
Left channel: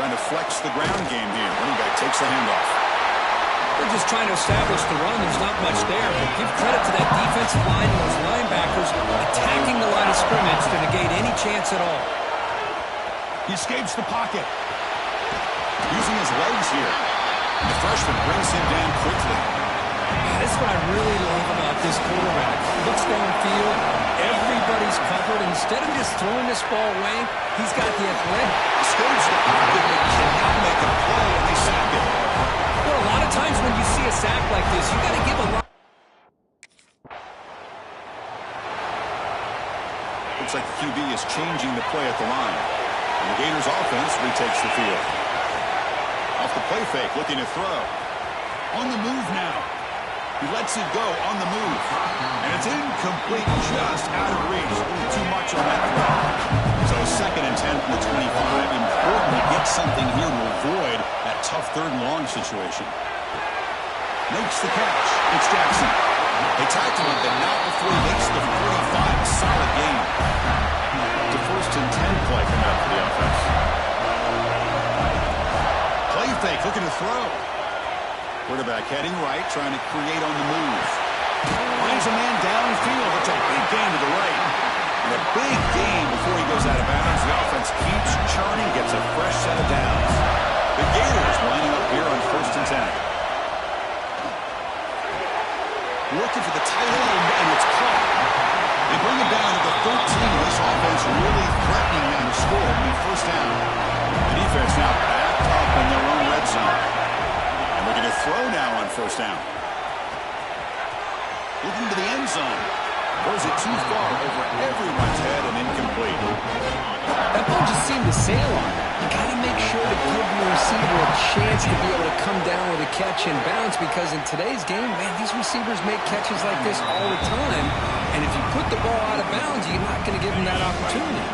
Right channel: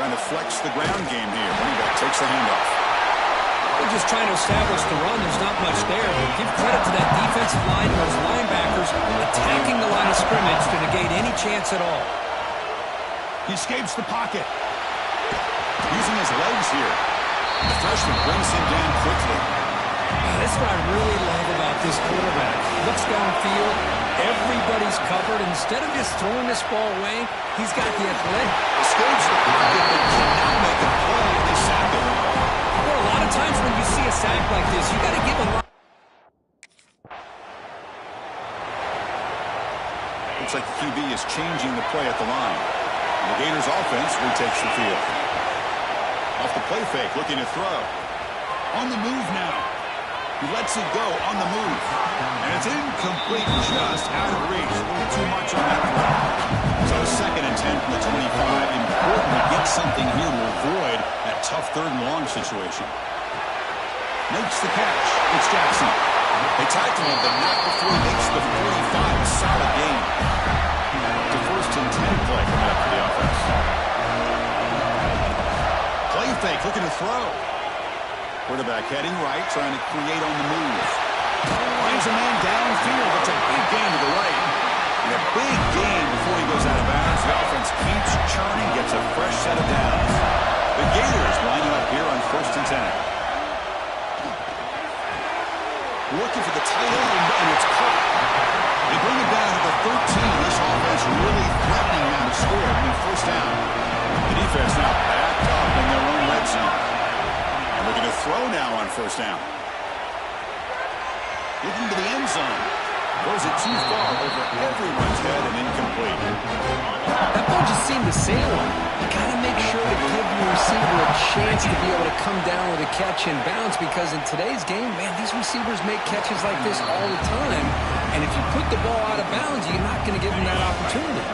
Trying to flex the ground game here. Running back takes the handoff. They're just trying to establish the run. There's not much there, but give credit to that defensive line and those linebackers attacking the line of scrimmage to negate any chance at all. He escapes the pocket. Using his legs here. The freshman brings him down quickly. That's what I really love about this quarterback. Looks downfield, everybody's covered. Instead of just throwing this ball away, he's got the athletic. Escapes the pocket, but cannot make a play, and they sack him. Well, a lot of times when you see a sack like this, you got to give a lot. Looks like the QB is changing the play at the line. And the Gators offense retakes the field. Off the play fake, looking to throw. On the move now. He lets it go on the move. And it's incomplete, just out of reach. A little too much on that throw. So 2nd and 10 from the 25. Important to get something here to avoid that tough 3rd and long situation. Makes the catch. It's Jackson. They tackle him, but not before he makes the 45. A solid gain. It's a 1st and 10 play coming up for the offense. Play fake, looking to throw. Quarterback heading right, trying to create on the move. Finds a man downfield. It's a big gain to the right. And a big gain before he goes out of bounds. The offense keeps churning, gets a fresh set of downs. The Gators lining up here on 1st and 10. Looking for the tight end, and it's caught. They bring him down to the 13. This offense really threatening now to score. I mean, 1st down. The defense now backed up in their own red zone. And looking to throw now on 1st down. Looking to the end zone. Throws it too far over everyone's head and incomplete. That ball just seemed to sail on. You got to make sure to give your receiver a chance to be able to come down with a catch and bounce, because in today's game, man, these receivers make catches like this all the time. And if you put the ball out of bounds, you're not going to give them that opportunity.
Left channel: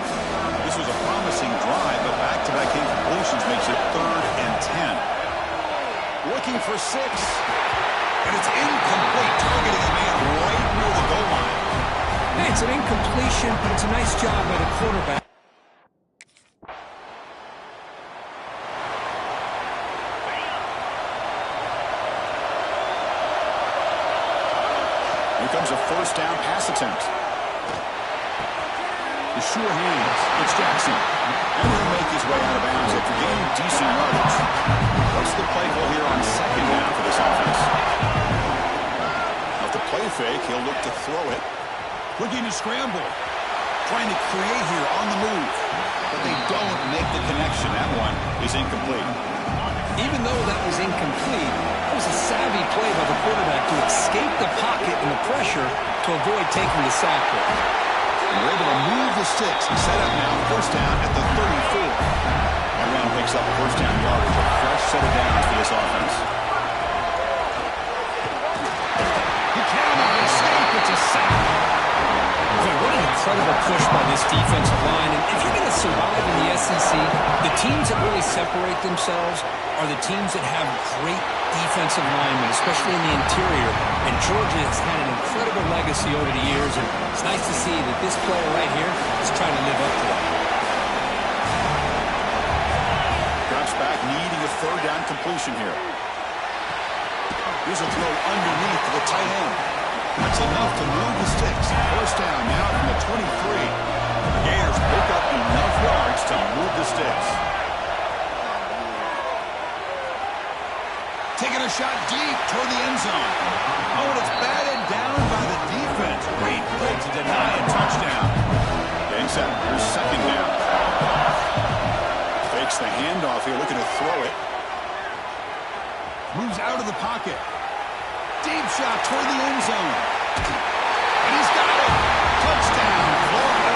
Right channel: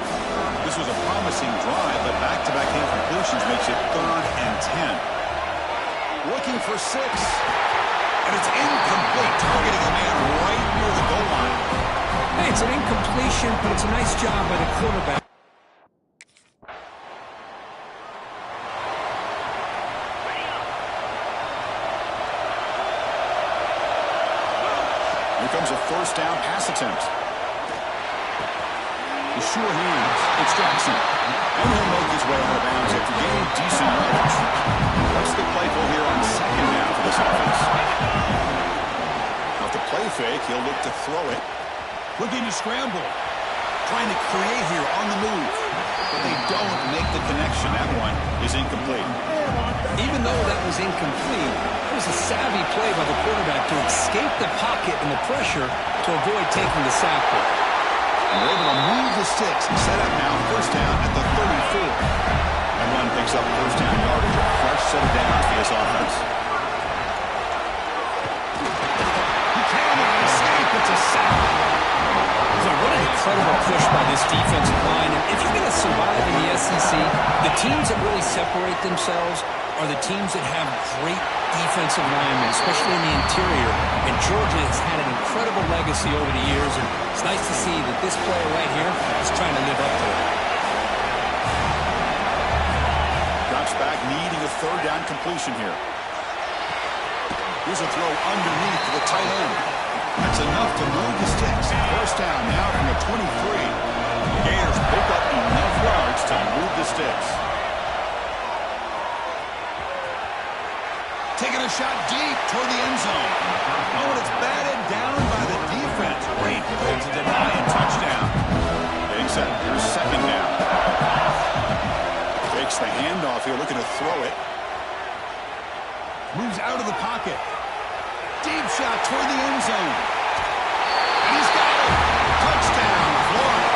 This was a promising drive, but back-to-back incompletions makes it 3rd and 10. Looking for 6. And it's incomplete, targeting a man right near the goal line. Hey, it's an incompletion, but it's a nice job by the quarterback. Here comes a 1st down pass attempt. The sure hands. It's Jackson. And he'll make his way out of bounds after gaining decent yardage. What's the play call here on 2nd down for this offense? Off the play fake, he'll look to throw it. Looking to scramble. Trying to create here on the move. But they don't make the connection. That one is incomplete. Even though that was incomplete, that was a savvy play by the quarterback to escape the pocket and the pressure to avoid taking the sack ball. And they're able to move the sticks. Set up now, 1st down at the 34. That run picks up 1st down yardage. A fresh set of downs for this offense. He cannot escape. It's a sack. Boy, what an incredible push by this defensive line. And if you're going to survive in the SEC, the teams that really separate themselves are the teams that have great defensive linemen, especially in the interior. And Georgia has had an incredible legacy over the years, and it's nice to see that this player right here is trying to live up to that. Drops back, needing a 3rd down completion here. Here's a throw underneath to the tight end. That's enough to move the sticks. 1st down now from the 23. The Gators pick up enough yards to move the sticks. Taking a shot deep toward the end zone. Oh, and it's batted down by the defense. Great play to deny a touchdown. Getting set. Here's 2nd down. Fakes the handoff here, looking to throw it. Moves out of the pocket. Deep shot toward the end zone. And he's got it. Touchdown, Florida.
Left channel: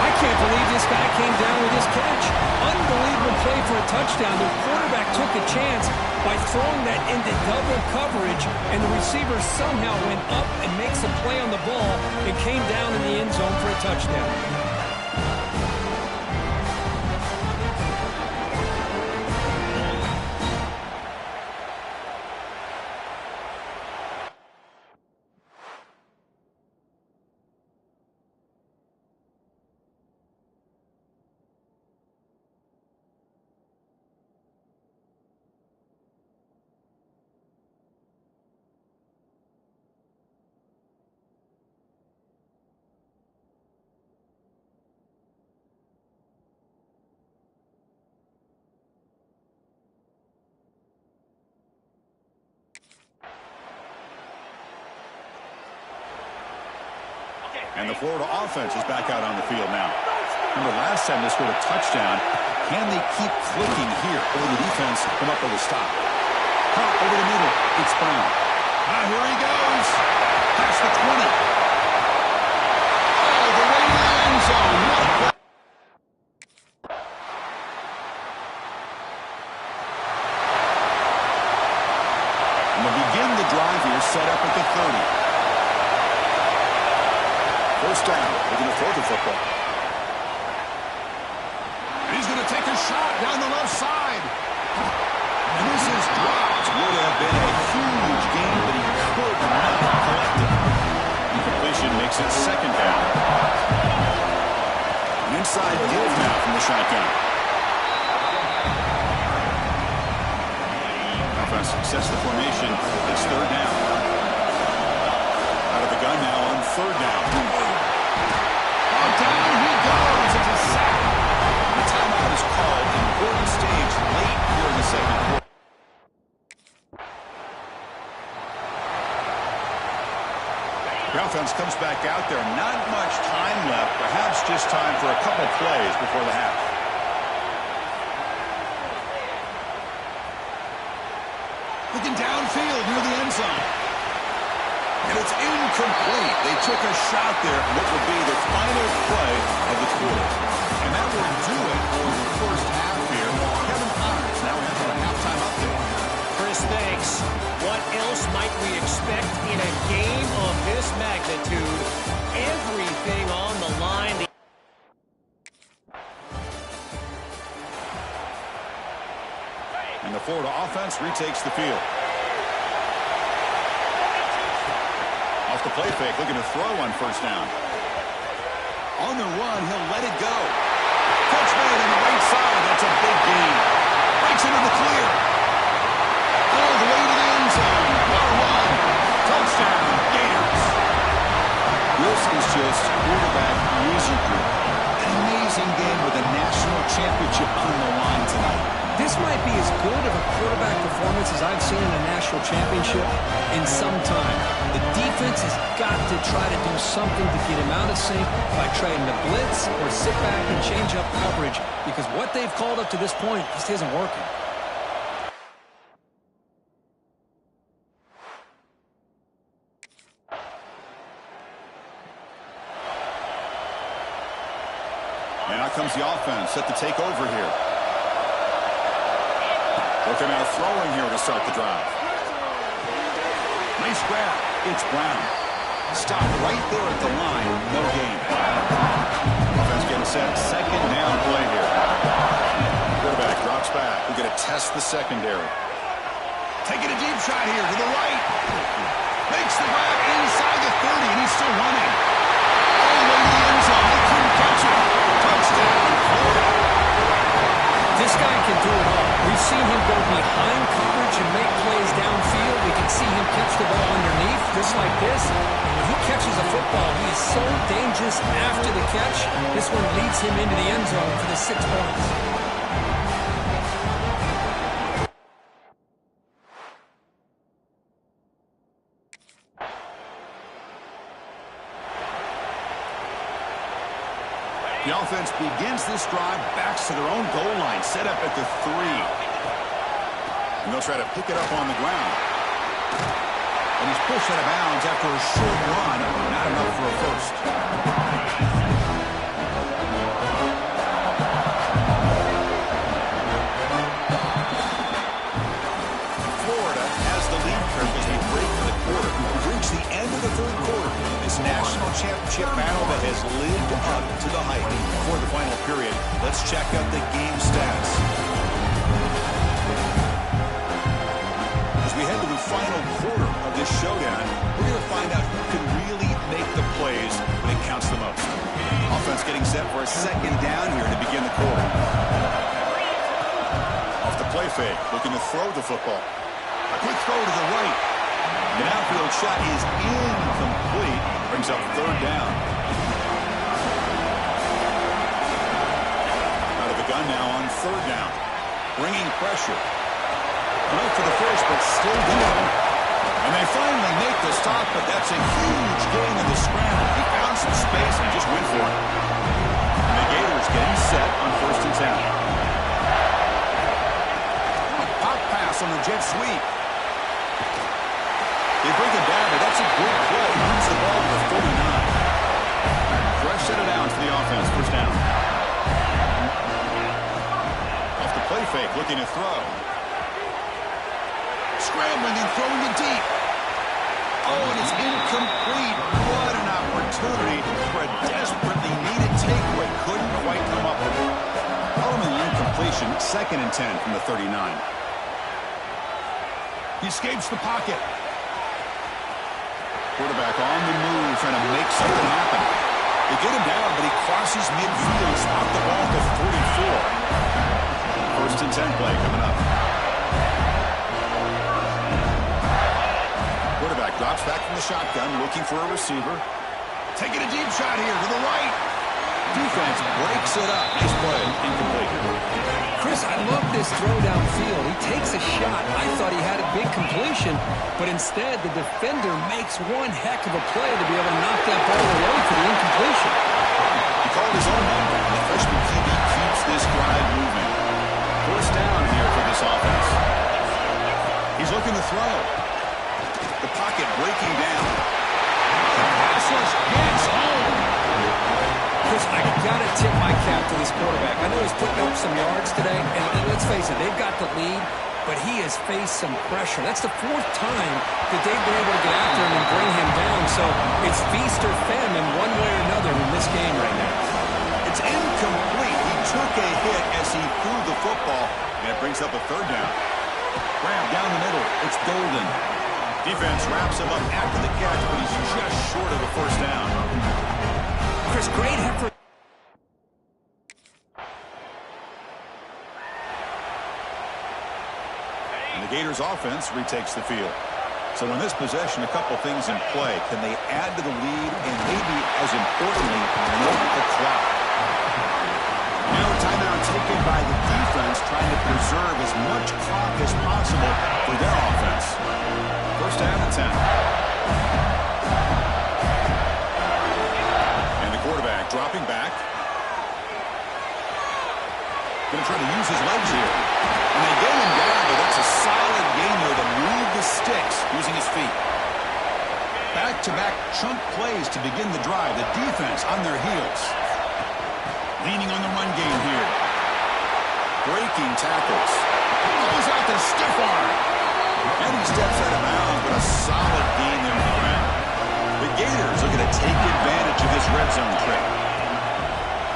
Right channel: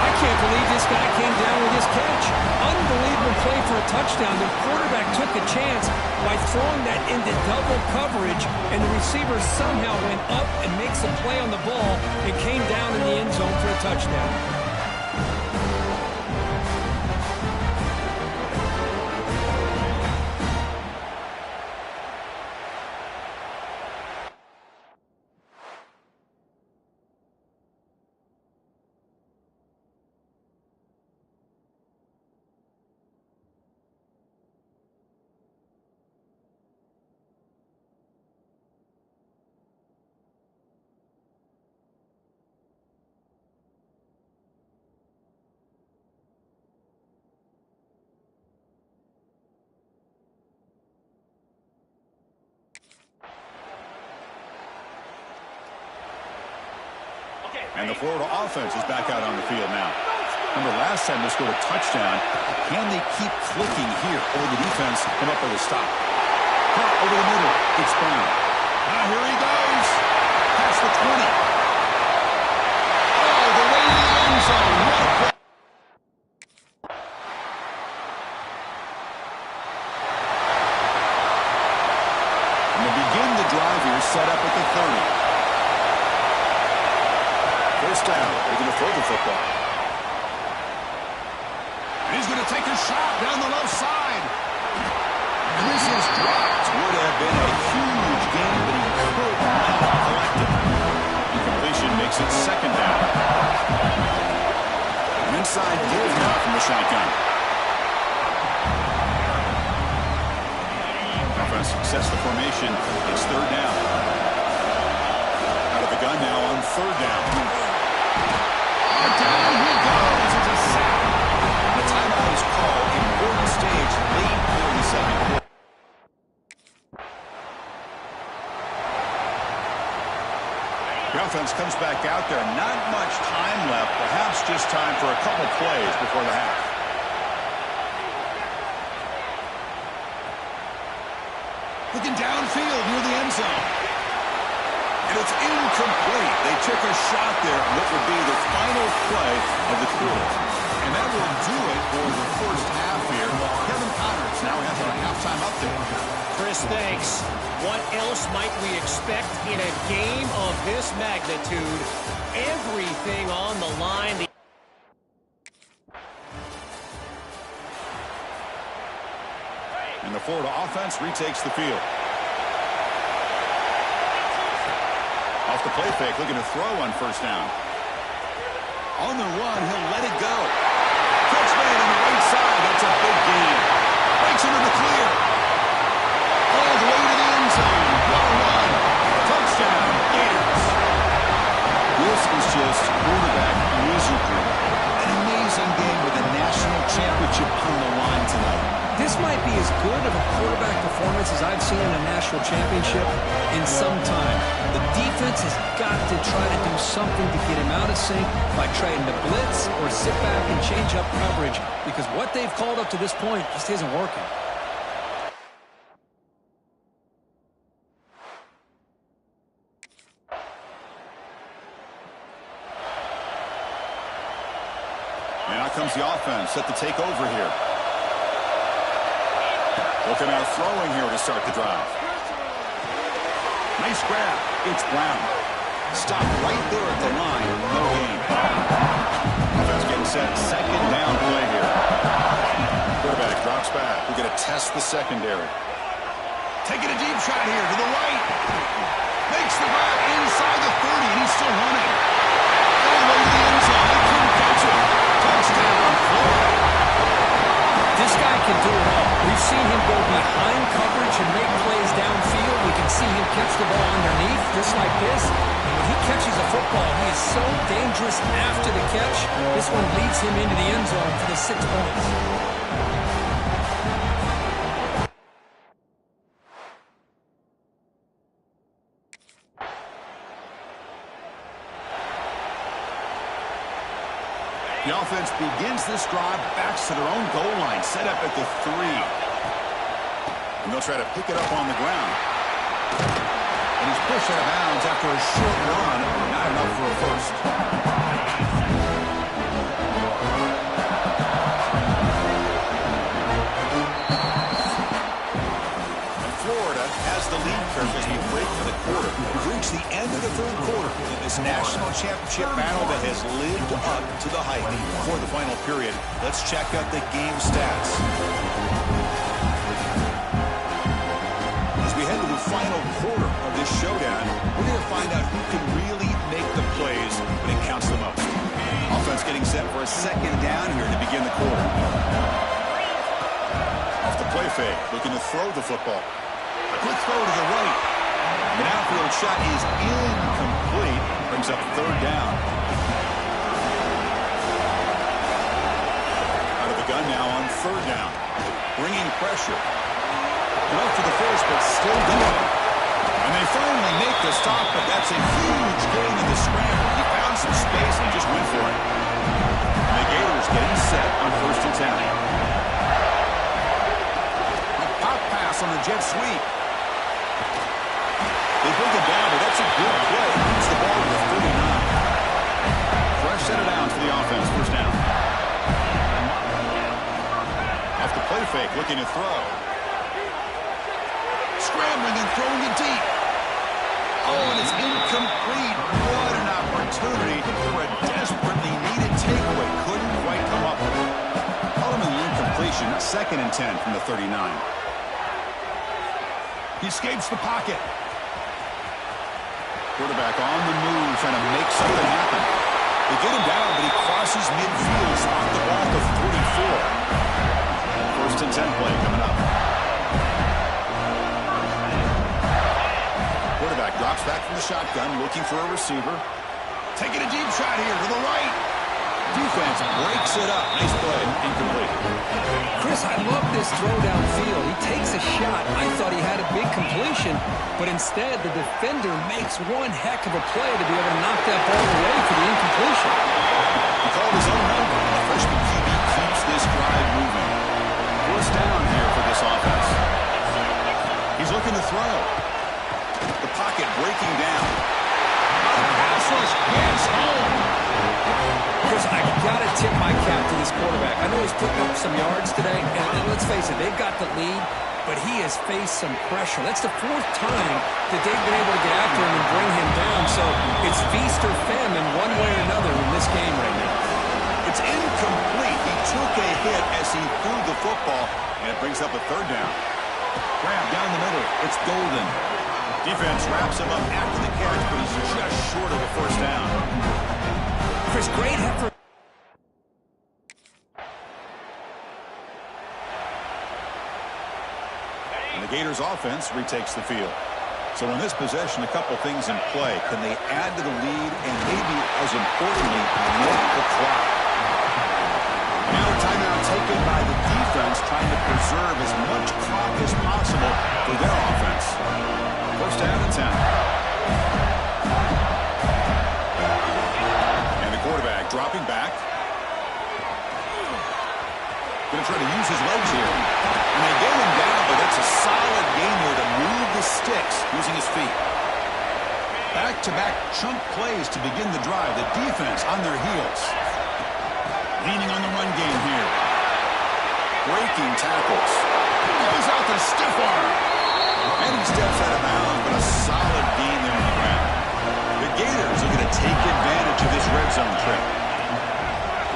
I can't believe this guy came down with this catch. Unbelievable play for a touchdown. The quarterback took a chance by throwing that into double coverage, and the receiver somehow went up and makes a play on the ball and came down in the end zone for a touchdown. And the Florida offense is back out on the field now. Remember last time they scored a touchdown. Can they keep clicking here? Or the defense come up with a stop? Caught over the middle. It's Brown. Now here he goes. Past the 20. All the way to the end zone. What a play. And to begin the drive here, set up at the 30. First down. They're going to throw the football. And he's going to take a shot down the left side. And this is dropped. Would have been a huge gain, but he could not collect it. Incompletion makes it second down. An inside give now from the shotgun. Offense sets the formation. It's third down. Out of the gun now on third down. Oh, down he goes. It's a sack. The timeout is called. Important stage late here in the second quarter. The offense comes back out there. Not much time left. Perhaps just time for a couple plays before the half. Looking downfield near the end zone. And it's incomplete. They took a shot there. What would be the final play of the quarter. And that will do it for the first half here. Kevin Connors now has our halftime update. Chris, thanks. What else might we expect in a game of this magnitude? Everything on the line. And the Florida offense retakes the field. Off the play fake, looking to throw on first down. On the run, he'll let it go. Catch made on the right side. That's a big gain. Breaks into the clear. All the way to the end zone. What a run. Touchdown, Gators. This is just quarterback wizardry. An amazing game with a national championship on the line tonight. This might be as good of a quarterback performance as I've seen in a national championship in some time. The defense has got to try to do something to get him out of sync by trying to blitz or sit back and change up coverage, because what they've called up to this point just isn't working. And out comes the offense set to take over here. Looking out throwing here to start the drive. Nice grab. It's Brown. Stop right there at the line. No gain. Offense getting set. Second down play here. Quarterback drops back. We're going to test the secondary. Taking a deep shot here to the right. Makes the grab inside the 30, and he's still running. All the way to the end zone. They couldn't catch him. Touchdown, Florida. This guy can do it all. We've seen him go behind coverage and make plays downfield. We can see him catch the ball underneath, just like this. And when he catches a football, he is so dangerous after the catch. This one leads him into the end zone for the 6 points. The offense begins this drive, backs to their own goal line, set up at the 3. And they'll try to pick it up on the ground. And he's pushed out of bounds after a short run, not enough for a first. And Florida has the lead curve as we break for the quarter. We've reached the end of the third quarter in this national championship battle that has lived up to the hype. Before the final period, let's check out the game stats. As we head to the final quarter of this showdown, we're going to find out who can really make the plays when it counts the most. Offense getting set for a second down here to begin the quarter. Off the play fake, looking to throw the football. A quick throw to the right. The outfield shot is incomplete. Brings up third down. Out of the gun now on third down. Bringing pressure. Enough for the first, but still going. And they finally make the stop, but that's a huge gain in the scramble. He found some space and just went for it. And the Gators getting set on 1st and 10. A pop pass on the jet sweep. They bring it down, but that's a good play. Moves the ball to the 39. Fresh set of downs for the offense. 1st down. Off the play fake, looking to throw. Scrambling and throwing it deep. Oh, and it's incomplete. What an opportunity for a desperately needed takeaway. Couldn't quite come up with it. Ultimately incompletion, 2nd and 10 from the 39. He escapes the pocket. Quarterback on the move, trying to make something happen. They get him down, but he crosses midfield, spot the ball to 44. 1st and 10 play coming up. Quarterback drops back from the shotgun, looking for a receiver. Taking a deep shot here to the right. Defense breaks it up. Nice play. Incomplete. Chris, I love this throw downfield. He takes a shot. I thought he had a big completion, but instead the defender makes one heck of a play to be able to knock that ball away for the incompletion. He called his own number, and the freshman QB keeps this drive moving. 1st down here for this offense. He's looking to throw. The pocket breaking down. The pass rush gets home. Chris, I got to tip my cap to this quarterback. I know he's putting up some yards today, and let's face it, they've got the lead, but he has faced some pressure. That's the 4th time that they've been able to get after him and bring him down, so it's feast or famine one way or another in this game right now. It's incomplete. He took a hit as he threw the football, and it brings up a 3rd down. Grab down the middle. It's Golden. Defense wraps him up after the catch, but he's just short of a 1st down. Chris, great effort. And the Gators offense retakes the field. So in this possession, a couple things in play. Can they add to the lead and maybe, as importantly, milk the clock? Now a timeout taken by the defense, trying to preserve as much clock as possible for their offense. 1st down and 10. Quarterback dropping back. Going to try to use his legs here. And they get him down, but that's a solid gain there to move the sticks using his feet. Back-to-back chunk plays to begin the drive. The defense on their heels. Leaning on the run game here. Breaking tackles. Goes out the stiff arm. And he steps out of bounds, but a solid gain there on the ground. The Gators are going to take advantage of this red zone trip.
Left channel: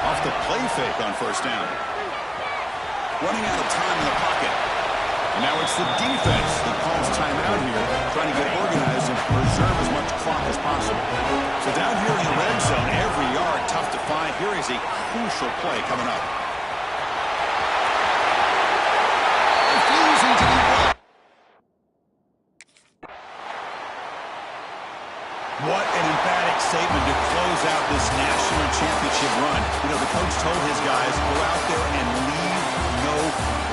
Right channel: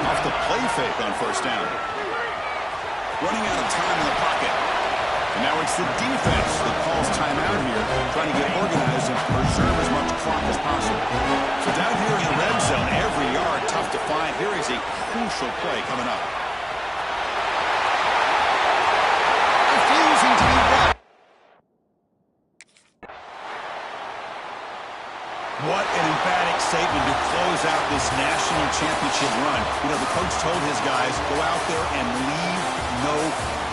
Off the play fake on 1st down. Running out of time in the pocket. And now it's the defense that calls timeout here, trying to get organized and preserve as much clock as possible. So down here in the red zone, every yard tough to find. Here is a crucial play coming up. Refusing to be blocked. What an emphatic statement to close out this national championship run. You know, the coach told his guys, go out there and leave no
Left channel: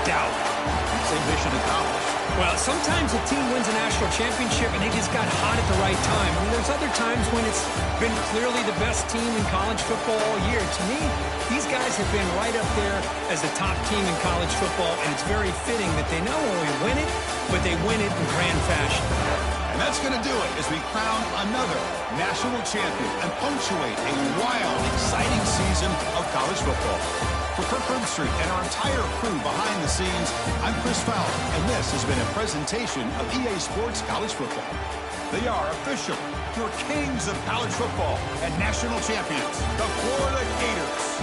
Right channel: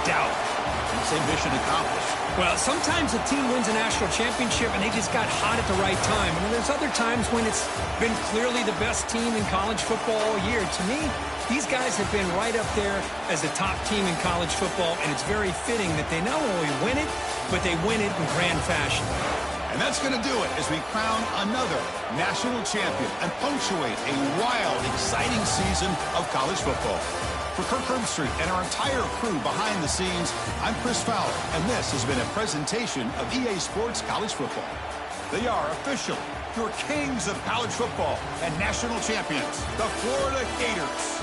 doubt. And say mission accomplished. Well, sometimes a team wins a national championship and they just got hot at the right time. I mean, there's other times when it's been clearly the best team in college football all year. To me, these guys have been right up there as the top team in college football, and it's very fitting that they not only win it, but they win it in grand fashion. And that's going to do it as we crown another national champion and punctuate a wild, exciting season of college football. For Kirk Herbstreit and our entire crew behind the scenes, I'm Chris Fowler, and this has been a presentation of EA Sports College Football. They are officially your kings of college football and national champions, the Florida Gators.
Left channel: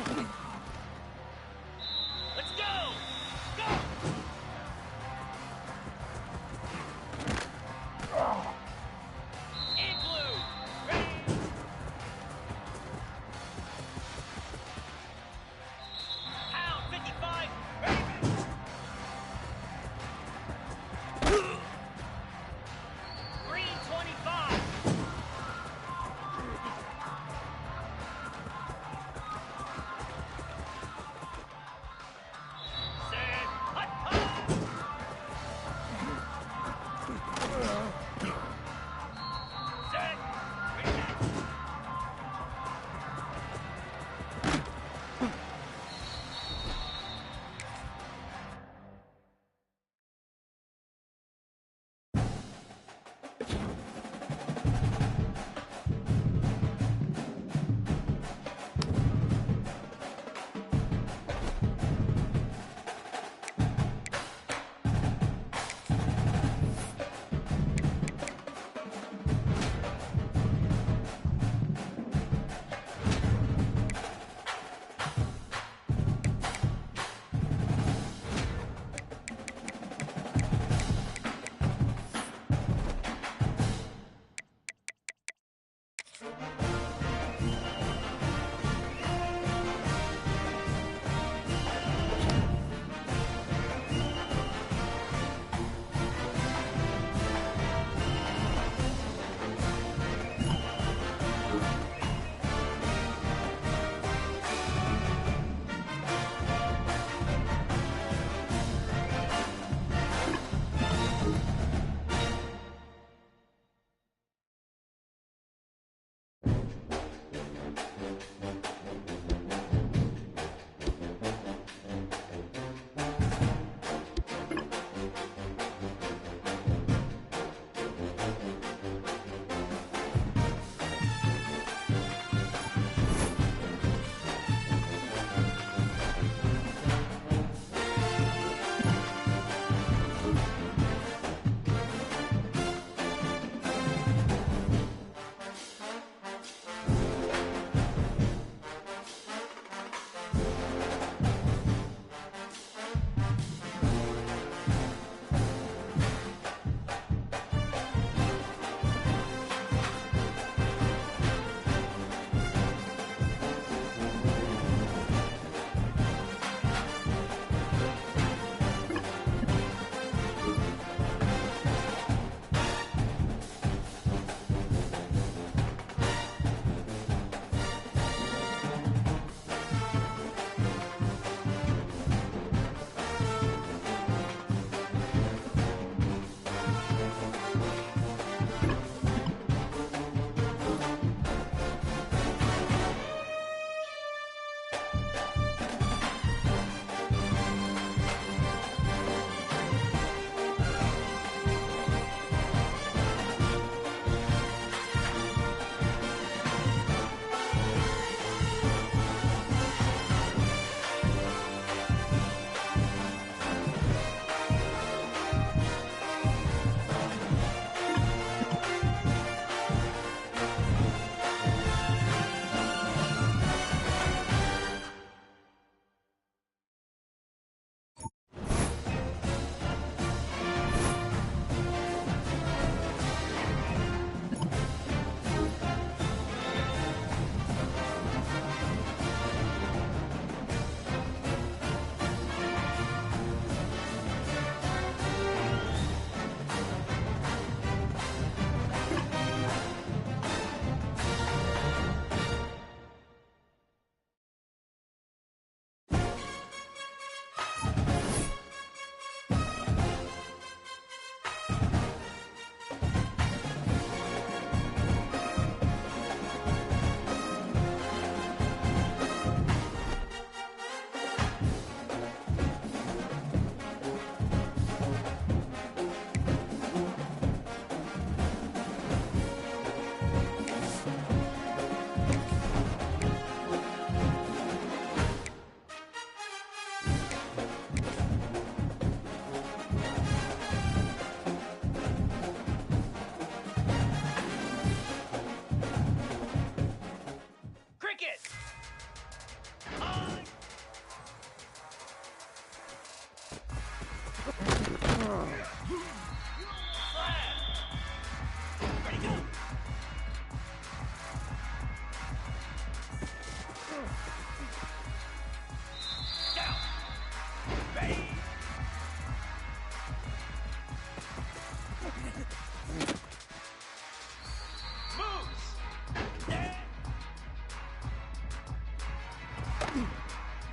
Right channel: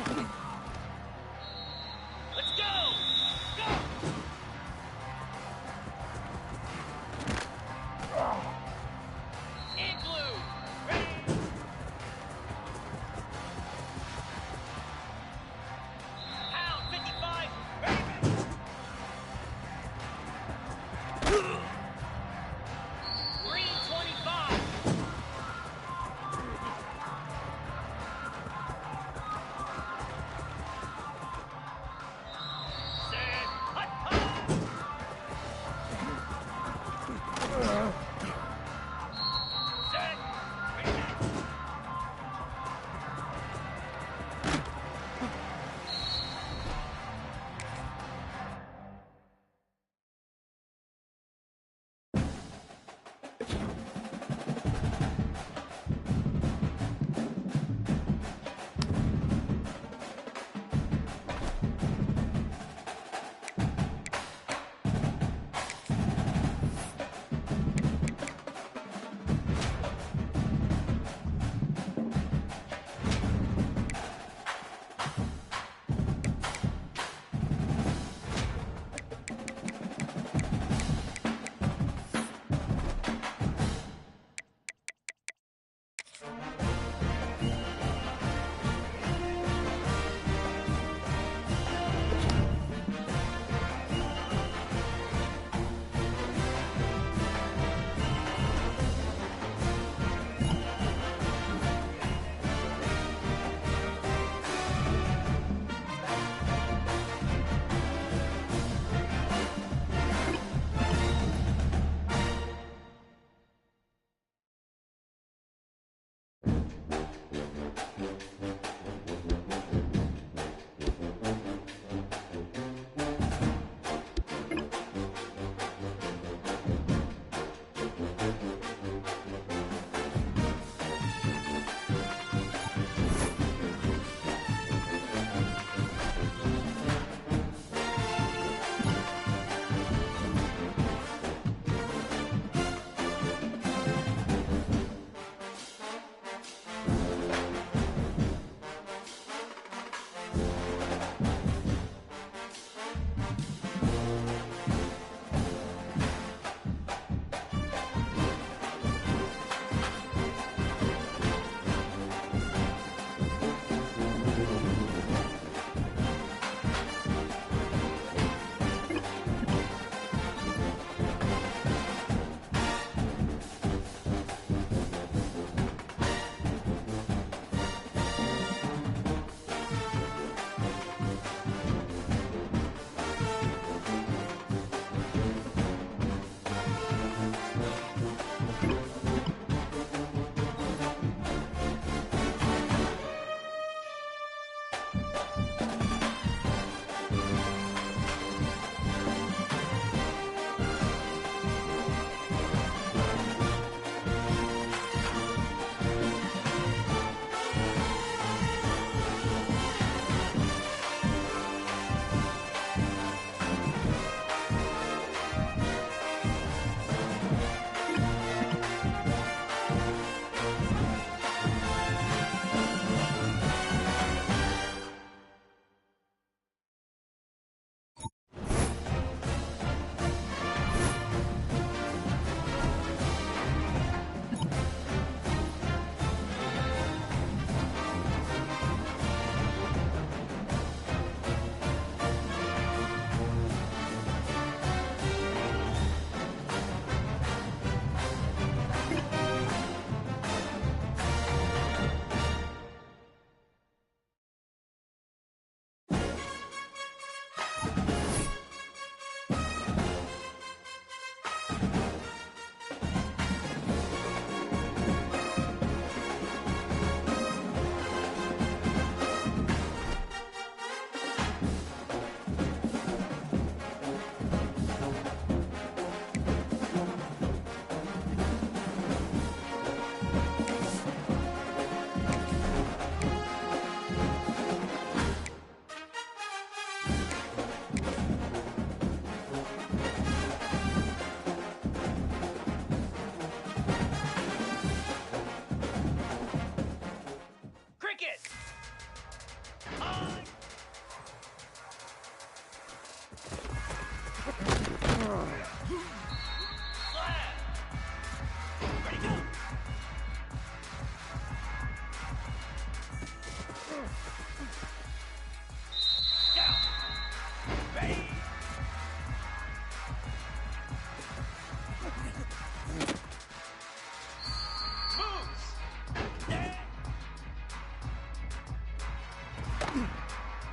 Let's go! Go! In blue! Ready! Pound 55! Ready, ready! Green 25!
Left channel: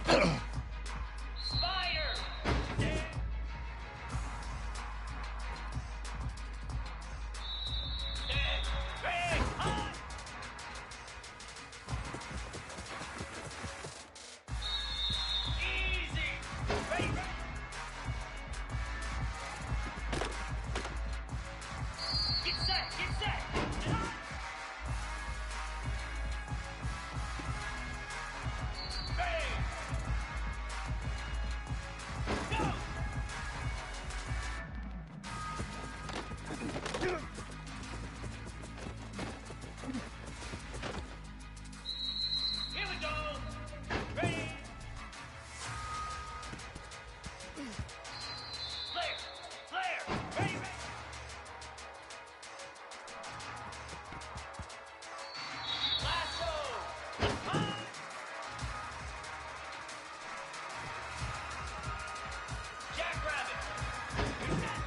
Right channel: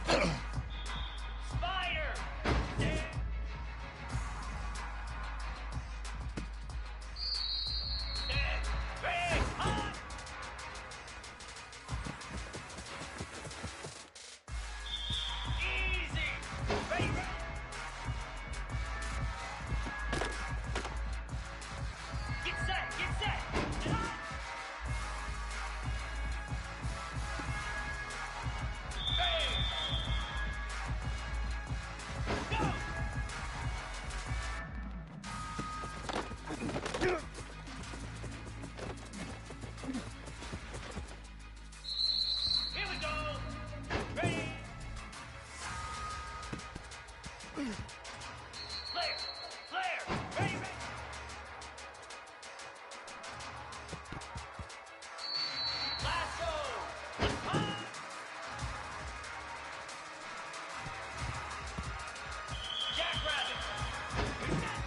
Fire! Big hot! Easy! Ready, ready! Get set! Get set! Hot! Bang! Go! Here we go! Ready! Flare! Flare! Ready, ready! Lasso! Hot! Jackrabbit! Reset!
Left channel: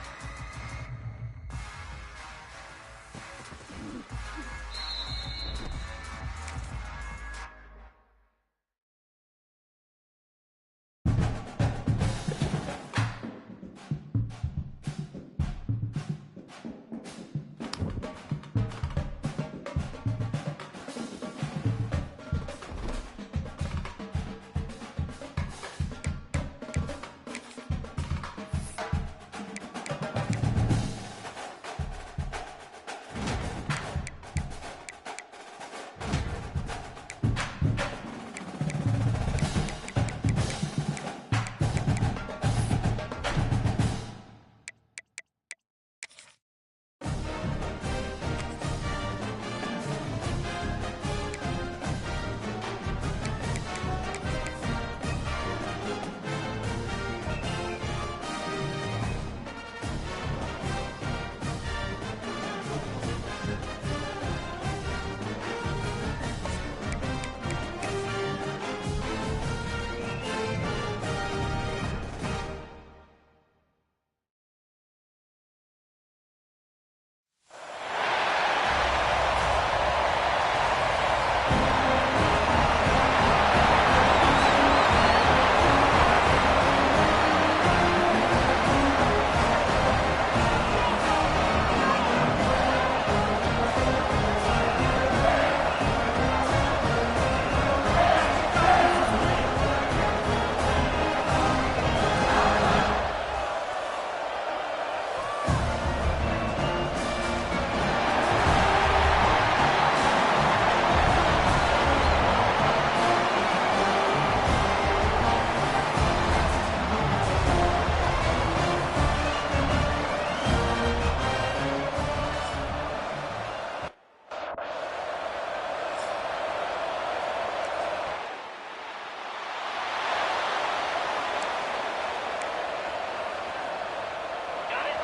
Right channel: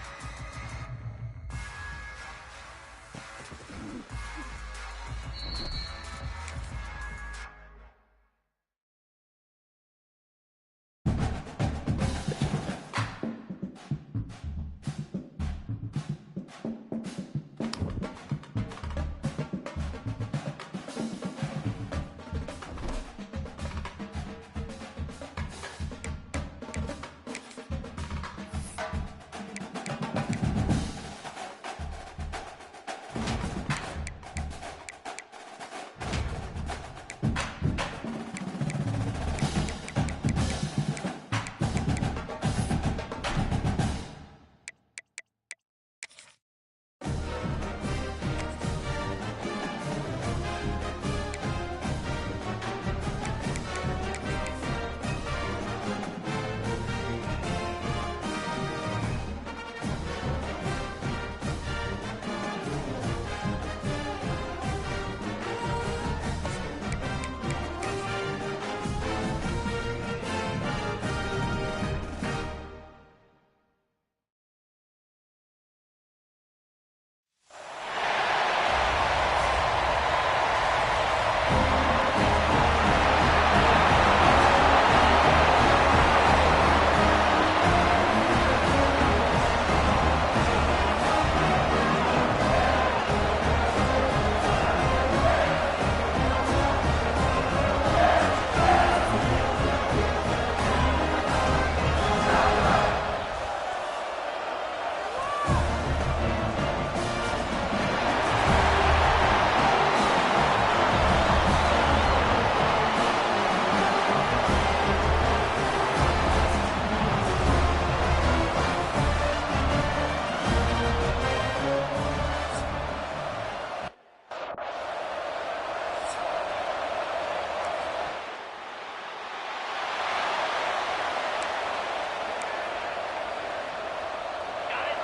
Got it?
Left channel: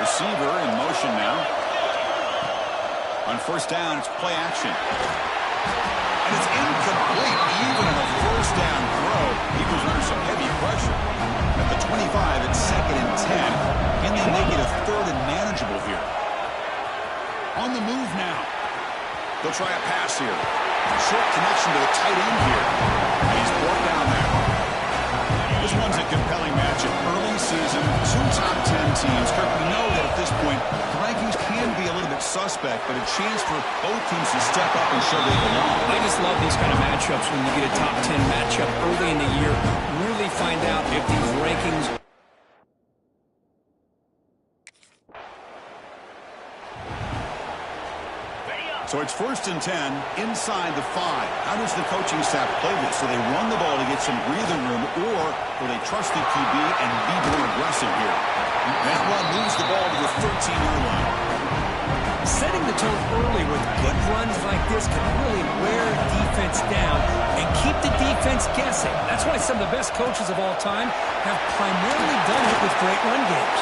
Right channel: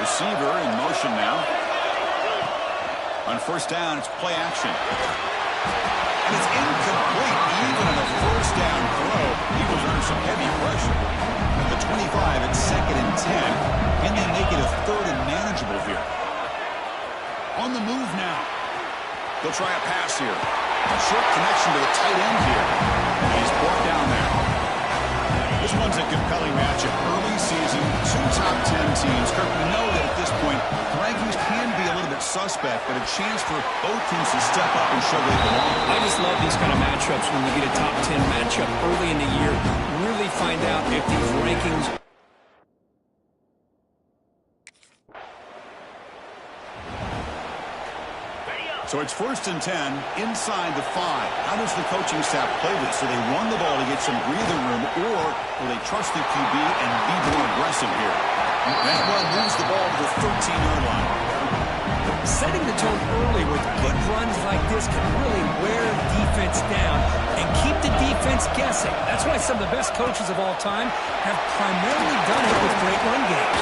Receiver in motion now. On first down, it's play action. And it's incomplete. Even on a first down throw, he was under some heavy pressure. At the 25, it's 2nd and 10. Can they make it a 3rd and manageable here? On the move now. They'll try a pass here. Short connection to the tight end here. And he's brought down there. This one's a compelling matchup. Early season, 2 top 10 teams. Kirk, we know that at this point, the rankings can be a little bit suspect, but a chance for both teams to step up and show they belong. I just love these kind of matchups when you get a top 10 matchup early in the year. Really find out if these rankings... Ready up! So it's 1st and 10 inside the 5. How does the coaching staff play this? Do they run the ball to get some breathing room, or will they trust the QB and be more aggressive here? That one moves the ball to the 13-yard line. Setting the tone early with good runs like this can really wear defense down and keep the defense guessing. That's why some of the best coaches of all time have primarily done it with great run games.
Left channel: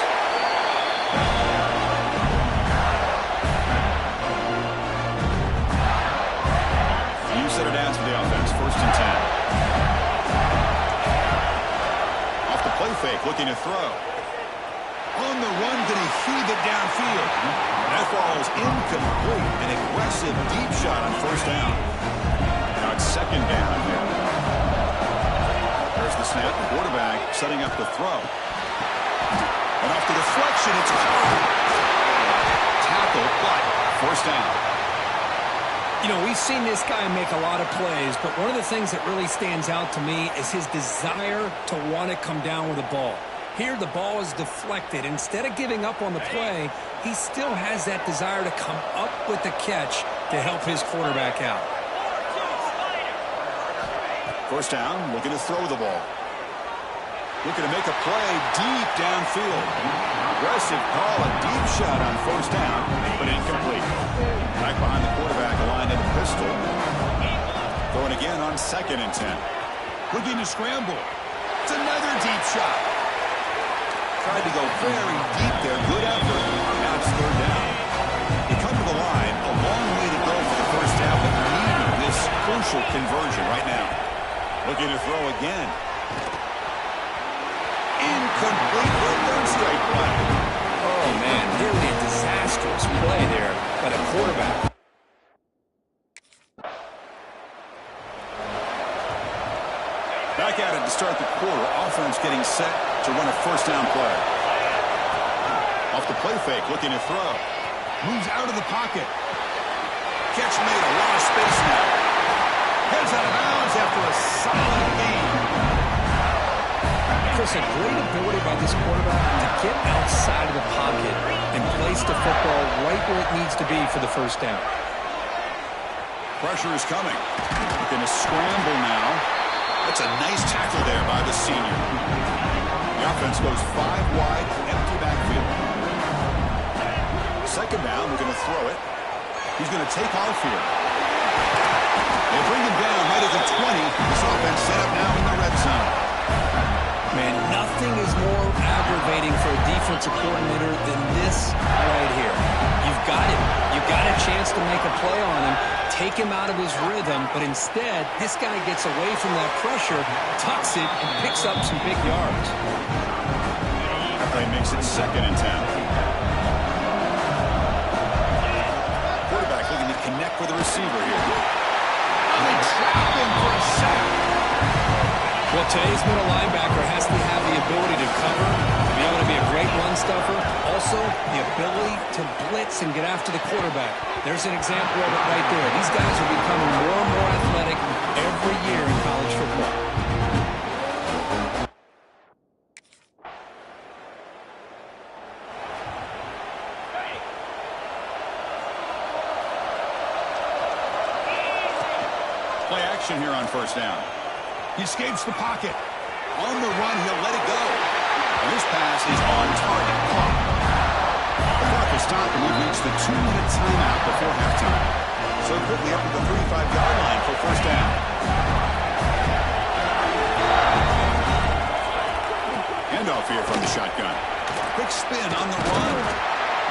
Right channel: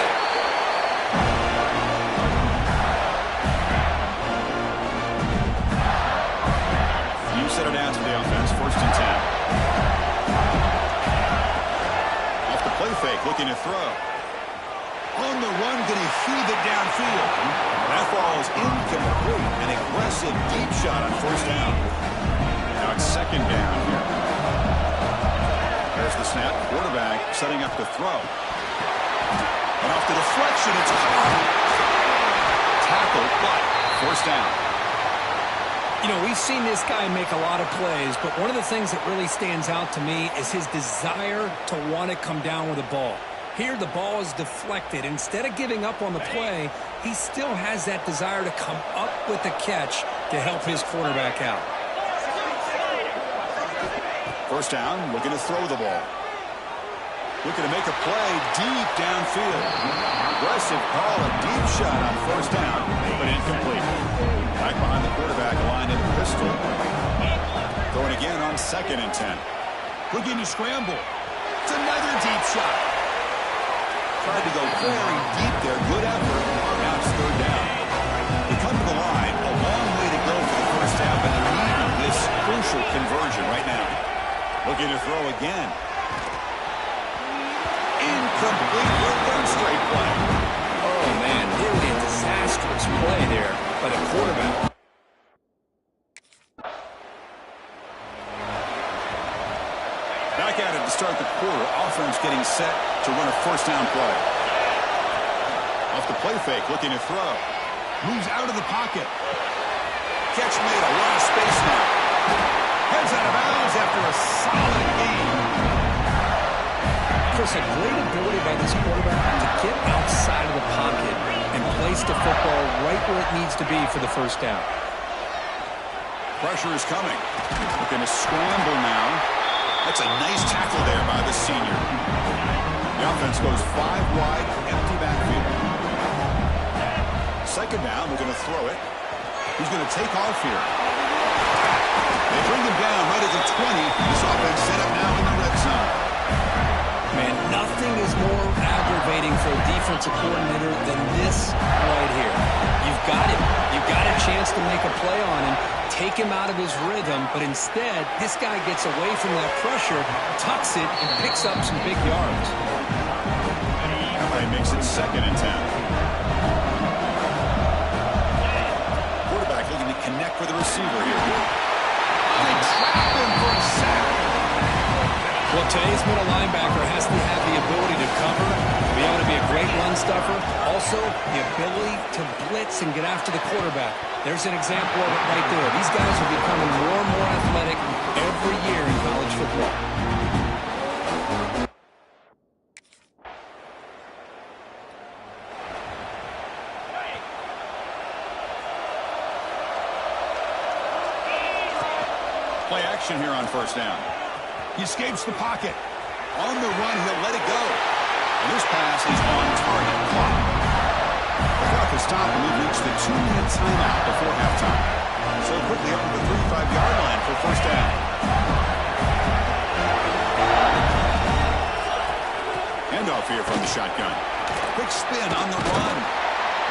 You set it down for the offense, 1st and 10. Off the play fake, looking to throw. On the run, going to heave it downfield. That ball is incomplete. An aggressive deep shot on first down. Now it's second down here. There's the snap. Quarterback setting up the throw. And off the deflection, it's caught. Tackle, but first down. You know, we've seen this guy make a lot of plays, but one of the things that really stands out to me is his desire to want to come down with the ball. Here, the ball is deflected. Instead of giving up on the play, he still has that desire to come up with the catch to help his quarterback out. First down, looking to throw the ball. Looking to make a play deep downfield. Aggressive call, a deep shot on first down, but incomplete. Back behind the quarterback, aligned in a pistol. Throwing again on 2nd and 10. Looking to scramble. It's another deep shot. Tried to go very deep there. Good effort. Now it's third down. You come to the line, a long way to go for the first half, but needing this crucial conversion right now. Looking to throw again. Incomplete for a third straight play. Oh, man, nearly a disastrous play there by the quarterback. Back at it to start the quarter. Offense getting set to run a first down play. Off the play fake, looking to throw. Moves out of the pocket. Catch made, a lot of space now. Heads out of bounds after a solid game. Chris, a great ability by this quarterback to get outside of the pocket and place the football right where it needs to be for the first down. Pressure is coming. Looking to scramble now. That's a nice tackle there by the senior. The offense goes 5 wide, empty backfield. Second down, we're going to throw it. He's going to take off here. They bring him down right at the 20. This offense set up now in the red zone. Man, nothing is more aggravating for a defensive coordinator than this right here. You've got him. You've got a chance to make a play on him, take him out of his rhythm, but instead, this guy gets away from that pressure, tucks it, and picks up some big yards. That play makes it 2nd and 10. Quarterback looking to connect with the receiver here. They trap him for a sack. Well, today's middle linebacker has to have the ability to cover, to be able to be a great run stuffer. Also, the ability to blitz and get after the quarterback. There's an example of it right there. These guys are becoming more and more athletic every year in college football. Play action here on first down. He escapes the pocket. On the run, he'll let it go. And this pass is on target. Clock. The clock is stopped, and we've reached the 2-minute timeout before halftime. So quickly up to the 35-yard line for first down. Handoff here from the shotgun. Quick spin on the run.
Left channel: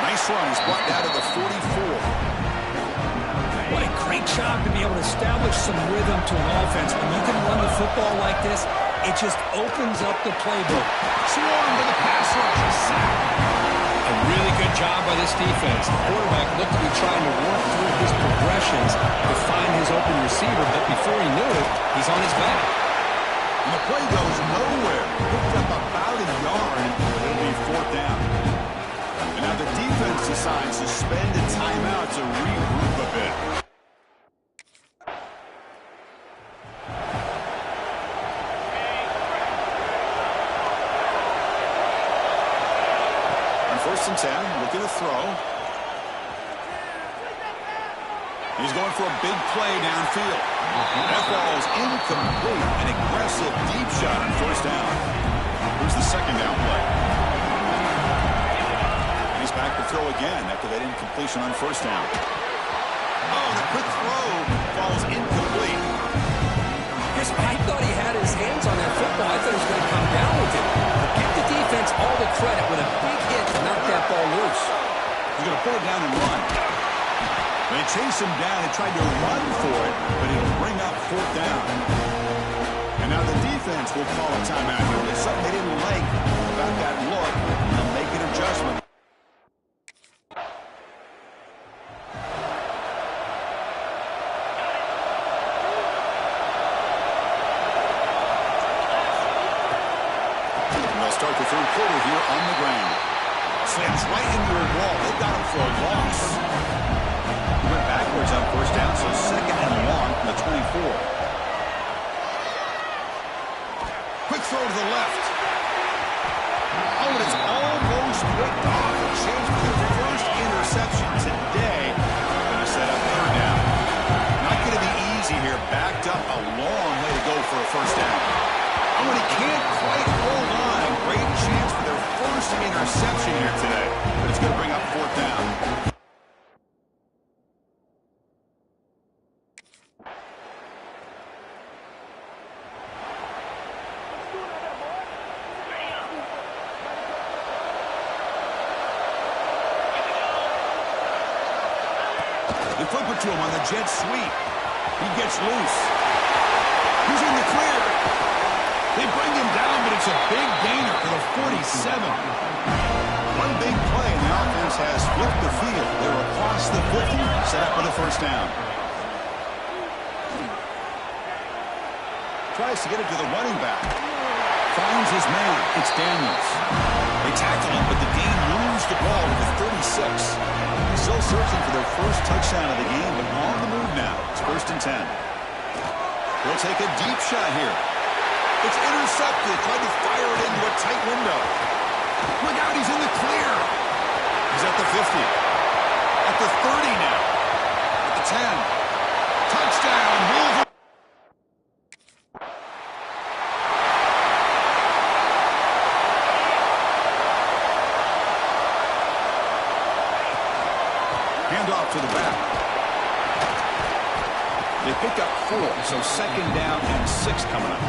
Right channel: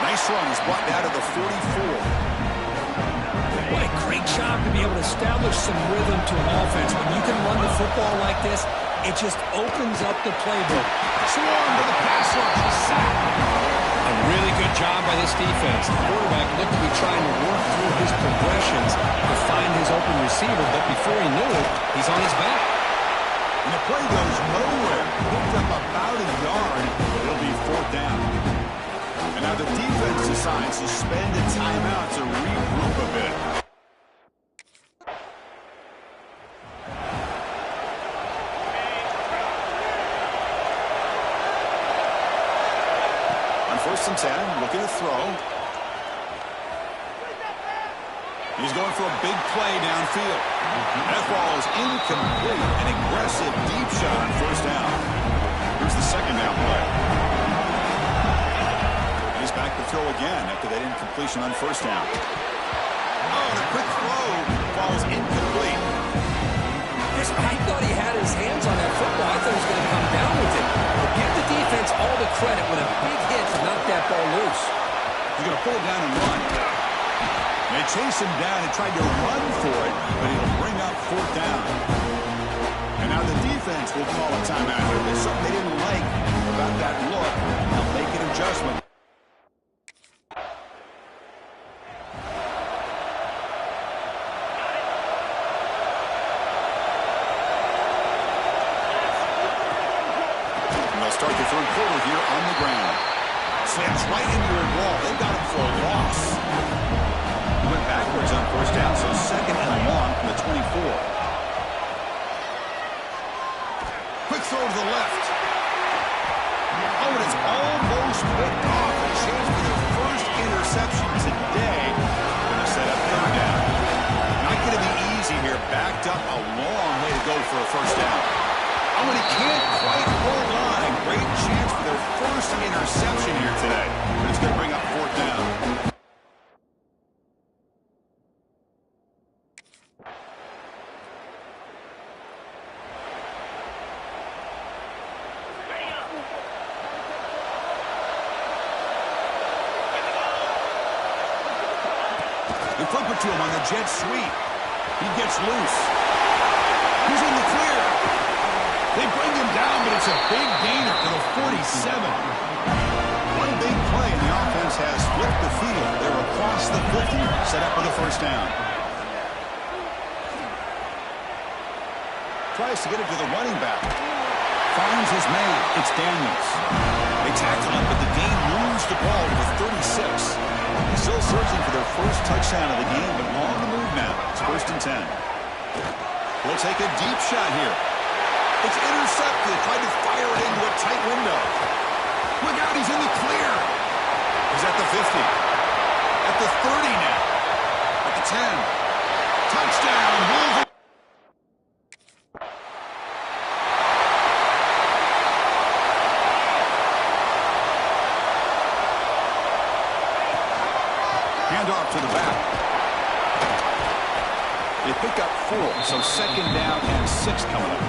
Nice run. He's brought down to the 44. What a great job to be able to establish some rhythm to an offense. When you can run the football like this, it just opens up the playbook. Swarm to the pass rush, a sack. A really good job by this defense. The quarterback looked to be trying to work through his progressions to find his open receiver, but before he knew it, he's on his back. And the play goes nowhere. Picked up about a yard. It'll be 4th down. And now the defense decides to spend a timeout to regroup a bit. On 1st and 10, looking to throw. He's going for a big play downfield. That ball is incomplete. An aggressive deep shot on first down. Here's the second down play. And he's back to throw again after that incompletion on first down. Oh, and a quick throw falls incomplete. I thought he had his hands on that football. I thought he was going to come down with it. But give the defense all the credit with a big hit to knock that ball loose. He's going to pull it down and run. They chase him down and tried to run for it, but it'll bring up 4th down. And now the defense will call a timeout here. There's something they didn't like about that look. They'll make an adjustment. And they'll start the third quarter here on the ground. Slams right into a wall. They've got him for a loss. He went backwards on first down, so second and long from the 24. Quick throw to the left. Oh, and it's almost picked off. A chance for their first interception today. Going to set up third down. Not going to be easy here. Backed up a long way to go for a first down. Oh, and he can't quite hold on. A great chance for their first interception here today. But it's going to bring up fourth down. They flip it to him on the jet sweep. He gets loose. He's in the clear. They bring him down, but it's a big gainer to the 47. One big play, and the offense has flipped the field. They're across the 50, set up with a first down. Tries to get it to the running back. Finds his man. It's Daniels. They tackle him, but the gain moves the ball to the 36. He's still searching for their first touchdown of the game, but on the move now. It's first and 10. He'll take a deep shot here. It's intercepted. Tried to fire it into a tight window. Look out, he's in the clear. He's at the 50. At the 30 now. At the 10. Touchdown, Wolverine. Handoff to the back. They pick up 4, so second down and 6 coming up.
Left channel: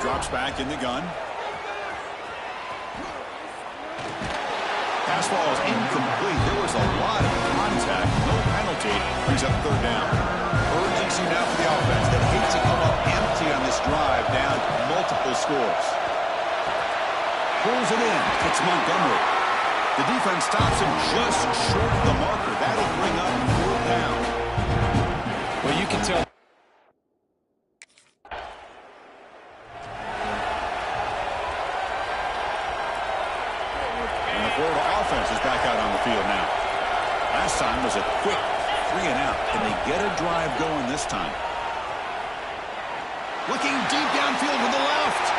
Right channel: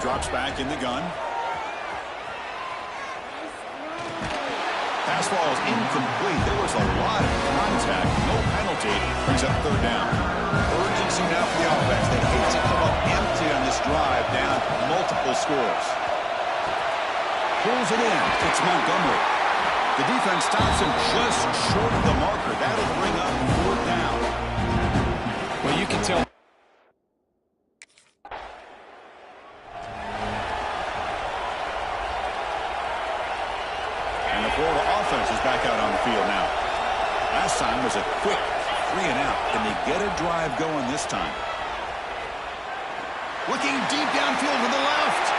Drops back in the gun. Pass ball is incomplete. There was a lot of contact. No penalty. Brings up third down. Urgency now for the offense. They hate to come up empty on this drive, down multiple scores. Pulls it in. It's Montgomery. The defense stops him just short of the marker. That'll bring up fourth down. Well, you can tell. Florida offense is back out on the field now. Last time was a quick 3 and out. Can they get a drive going this time? Looking deep downfield to the left.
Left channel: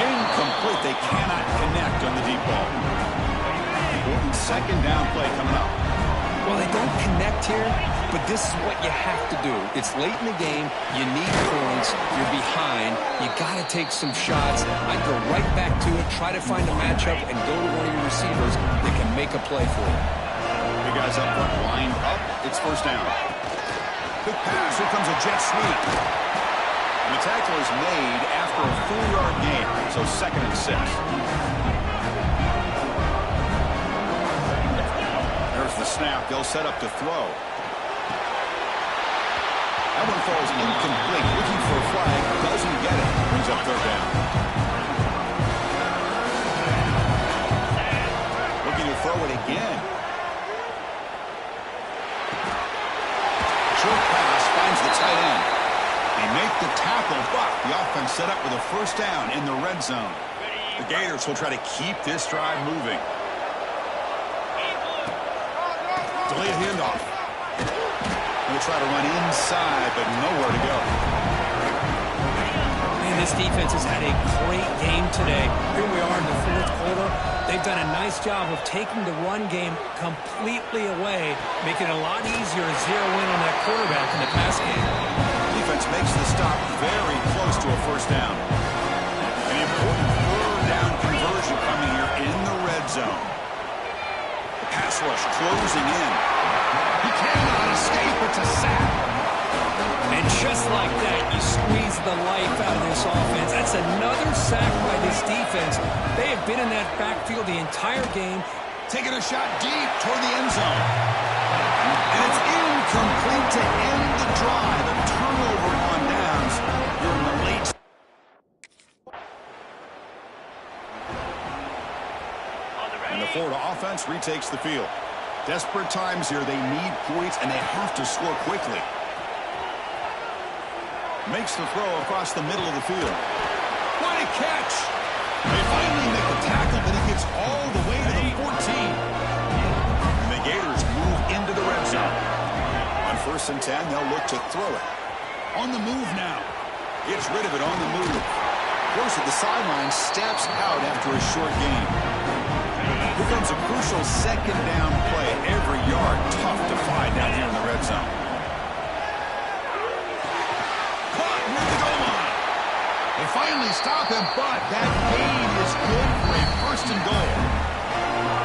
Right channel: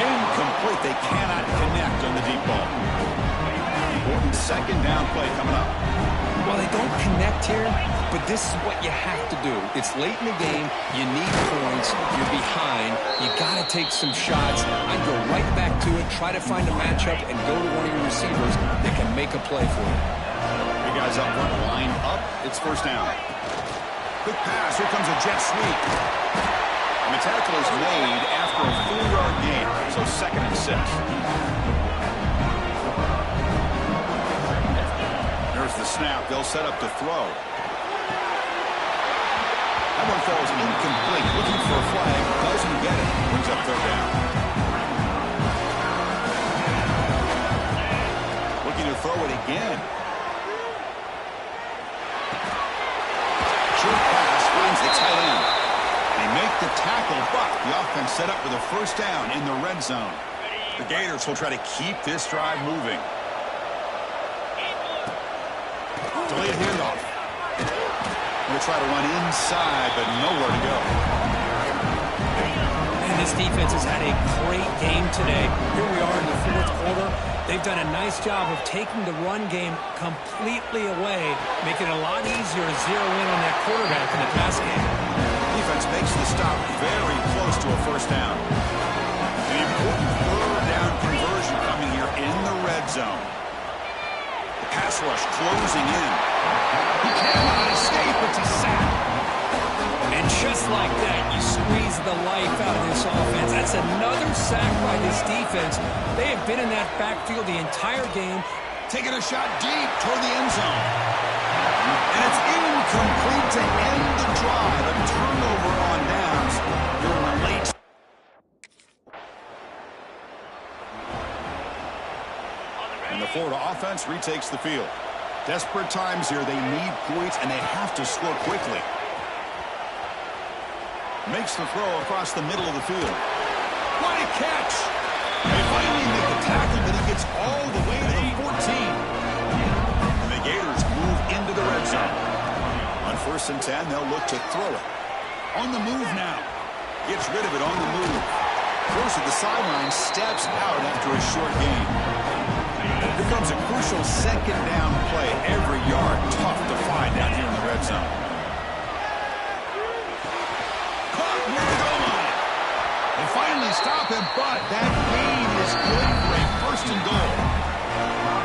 Incomplete. They cannot connect on the deep ball. Important second down play coming up. Well, they don't connect here, but this is what you have to do. It's late in the game. You need points. You're behind. You got to take some shots. I'd go right back to it, try to find a matchup, and go to one of your receivers that can make a play for you. Big guys up front, lined up. It's first down. Quick pass. Here comes a jet sweep. And the tackle is made after a 4-yard gain, so second and 6. There's the snap. They'll set up to throw. That one falls incomplete. Looking for a flag. Doesn't get it. Brings up third down. Looking to throw it again. Short pass finds the tight end. They make the tackle, but the offense set up with a first down in the red zone. The Gators will try to keep this drive moving. Delay a handoff. Going to try to run inside, but nowhere to go. Man, this defense has had a great game today. Here we are in the fourth quarter. They've done a nice job of taking the run game completely away, making it a lot easier to zero in on that quarterback in the pass game. Defense makes the stop very close to a first down. An important third down conversion coming here in the red zone. The pass rush closing in. He cannot escape. It's a sack. And just like that, you squeeze the life out of this offense. That's another sack by this defense. They have been in that backfield the entire game. Taking a shot deep toward the end zone. And it's incomplete to end the drive. A turnover on downs. You're in the late. And the Florida offense retakes the field. Desperate times here. They need points, and they have to score quickly. Makes the throw across the middle of the field. What a catch! They finally make the tackle, but he gets all the way to the 14. And the Gators move into the red zone. On 1st and 10, they'll look to throw it. On the move now. Gets rid of it on the move. Close at the sideline, steps out after a short gain. Here comes a crucial second down play. Every yard tough to find down here in the red zone. Caught near the goal line. They finally stop him, but that gain is good for a 1st and goal.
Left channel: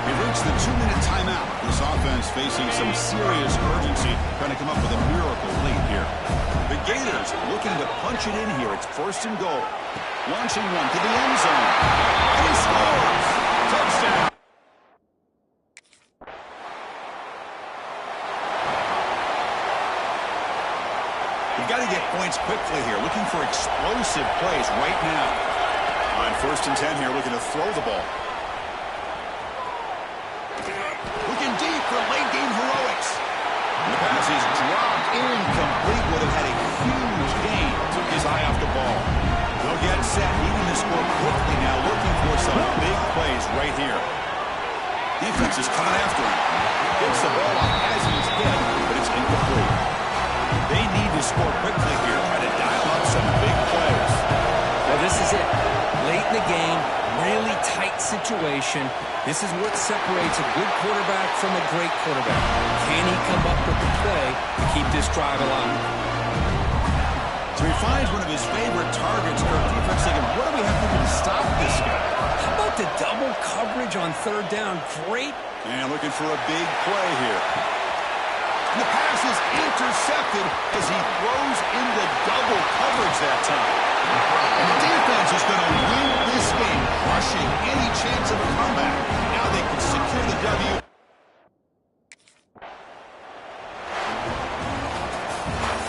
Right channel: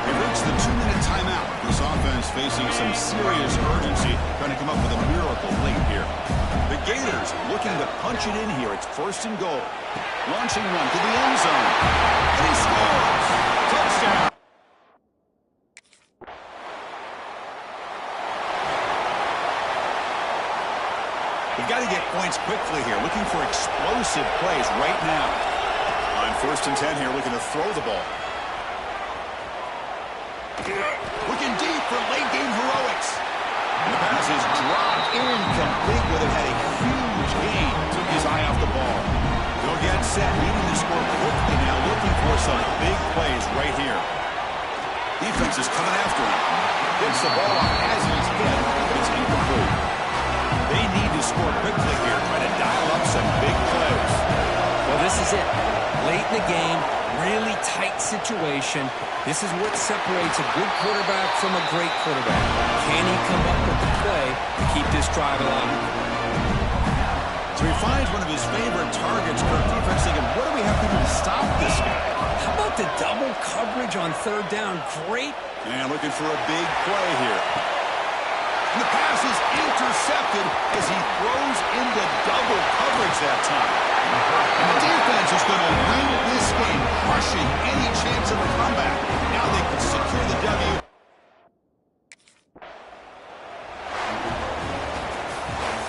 They've reached the 2-minute timeout. This offense facing some serious urgency, trying to come up with a miracle late here. The Gators looking to punch it in here. It's 1st and goal. Launching one to the end zone. And he scores. Touchdown. You've got to get points quickly here. Looking for explosive plays right now. On 1st and 10 here, looking to throw the ball. Looking deep for late game heroics. And the pass is dropped incomplete. Would have had a huge gain. Took his eye off the ball. They'll get set, needing to score quickly now, looking for some big plays right here. Defense is coming after him. Gets the ball off as he's hit, but it's incomplete. They need to score quickly here, try to dial up some big plays. Well, this is it. Late in the game, really tight situation. This is what separates a good quarterback from a great quarterback. Can he come up with the play to keep this drive alive? So he finds one of his favorite targets. Kirk defense thinking, what do we have to do to stop this guy? How about the double coverage on 3rd down? Great. And looking for a big play here. And the pass is intercepted as he throws into double coverage that time. And the defense is going to win this game, crushing any chance of a comeback. Now they can secure the W.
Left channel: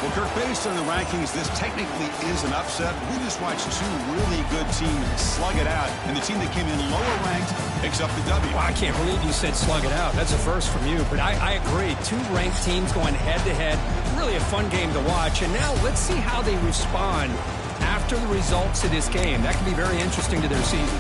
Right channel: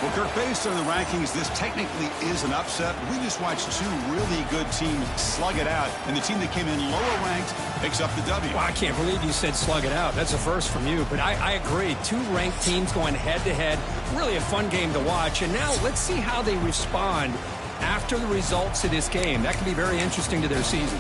Well, Kirk, based on the rankings, this technically is an upset. We just watched 2 really good teams slug it out, and the team that came in lower ranked picks up the W. Well, I can't believe you said slug it out. That's a first from you, but I agree. 2 ranked teams going head-to-head. Really a fun game to watch, and now let's see how they respond after the results of this game. That could be very interesting to their season.